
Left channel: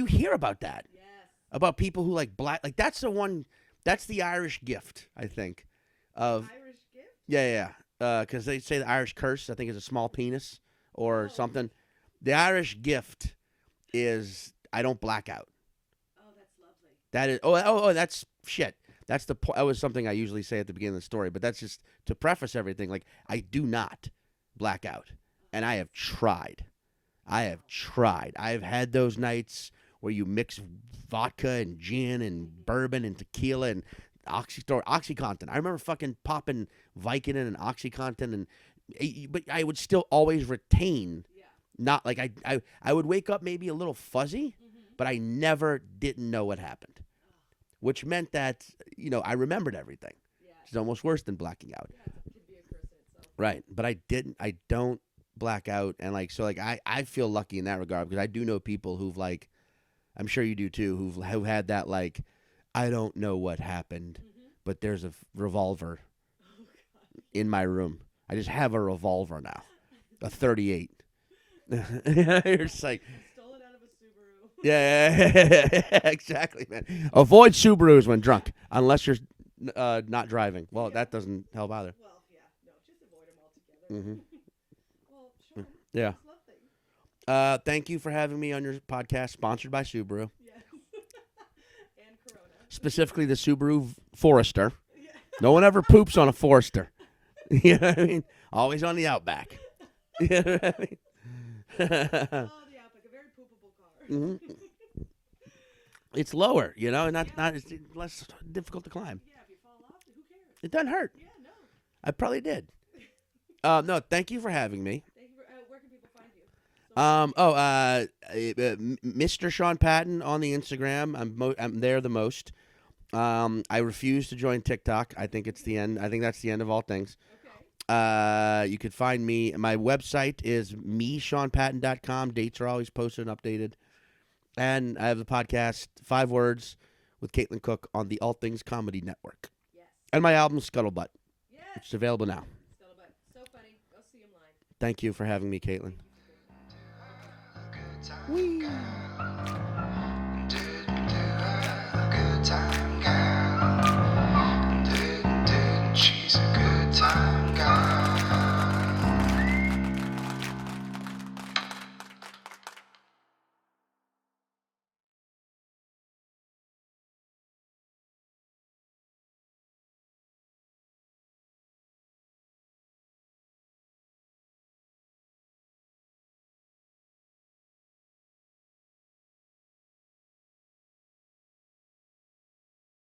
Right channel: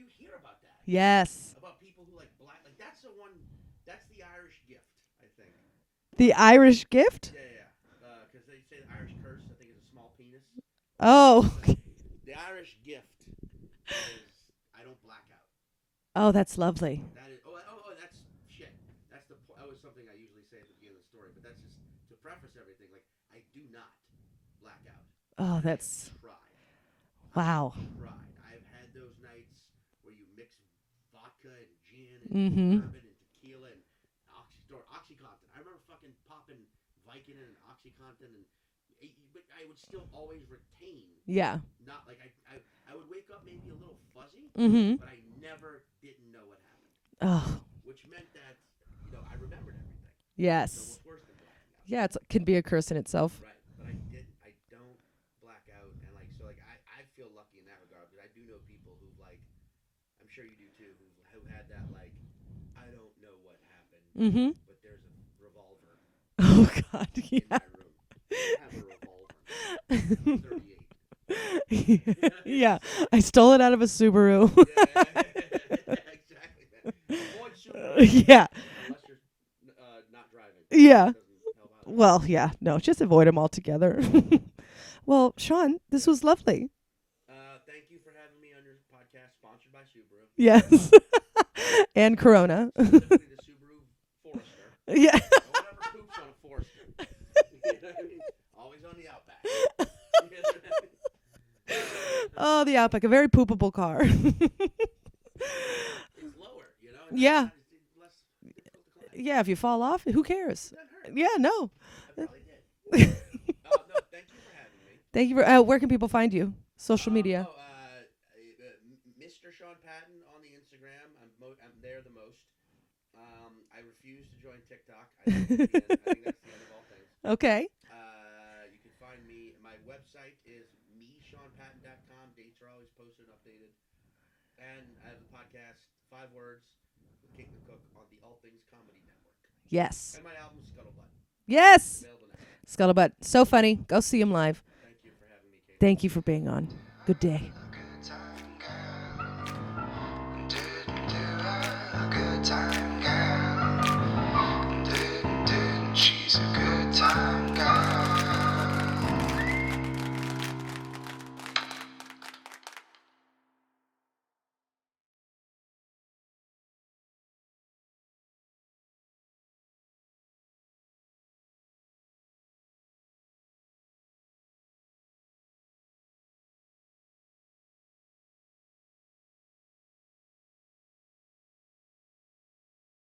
hear about that. Yes. About people who like black. Like that's the Irish gift, I think. The Irish gift? Yeah. Because they say the Irish curse, I think, is a small penis or something. The Irish gift is I don't black out. Oh, that's lovely. That is that's shit. That's that was something I usually say at the beginning of the story, but that's just to preface everything. Like I do not black out, and I have tried. Wow. I have tried. I've had those nights where you mix vodka and gin and bourbon and tequila and OxyContin. I remember fucking popping Vicodin and OxyContin, but I would still always retain. Yeah. Not like I would wake up maybe a little fuzzy, but I never didn't know what happened. Oh. Which meant that I remembered everything. Yes. It's almost worse than blacking out. Yeah, it can be a curse in itself. Right, but I don't black out, and I feel lucky in that regard because I do know people who've like, I'm sure you do too, who've had that like, I don't know what happened, but there's a revolver. Oh God! In my room. I just have a revolver now, a 38. Yeah. Yeah. Like, I stole it out of a Subaru. yeah, exactly, man. Avoid Subarus when drunk, unless you're not driving. Well, Yeah. that doesn't help either. Well, yeah. No, just avoid them altogether. Well, Sean, this Yeah. was lovely. Thank you for having me on your podcast, sponsored by Subaru, Yes. And Corona. specifically the Subaru Forester. Yeah. No one ever poops on a Forester. You know what I mean? Always on the Outback. You know what I mean? Oh, the Outback, a very poopable car. It's lower, you know, and Yeah. it's less difficult to climb. Yeah, if you fall off, who cares? It doesn't hurt. Yeah, no. I probably did. No, thank you for having me. Thank you for. Where can people find you? Social media. Mr. Sean Patton on the Instagram. I'm there the most. I refuse to join TikTok. I think it's the end. I think that's the end of all things. Okay. You could find me. My website is meseanpatton.com. Dates are always posted and updated. And I have the podcast 5 Words with Caitlin Cook on the All Things Comedy Network. Yes. And my album Scuttlebutt. Yes. It's available now. Scuttlebutt. So funny. Go see him live. Thank you for having me, Caitlin. Thank you for being on. Good day. Didn't do a good time.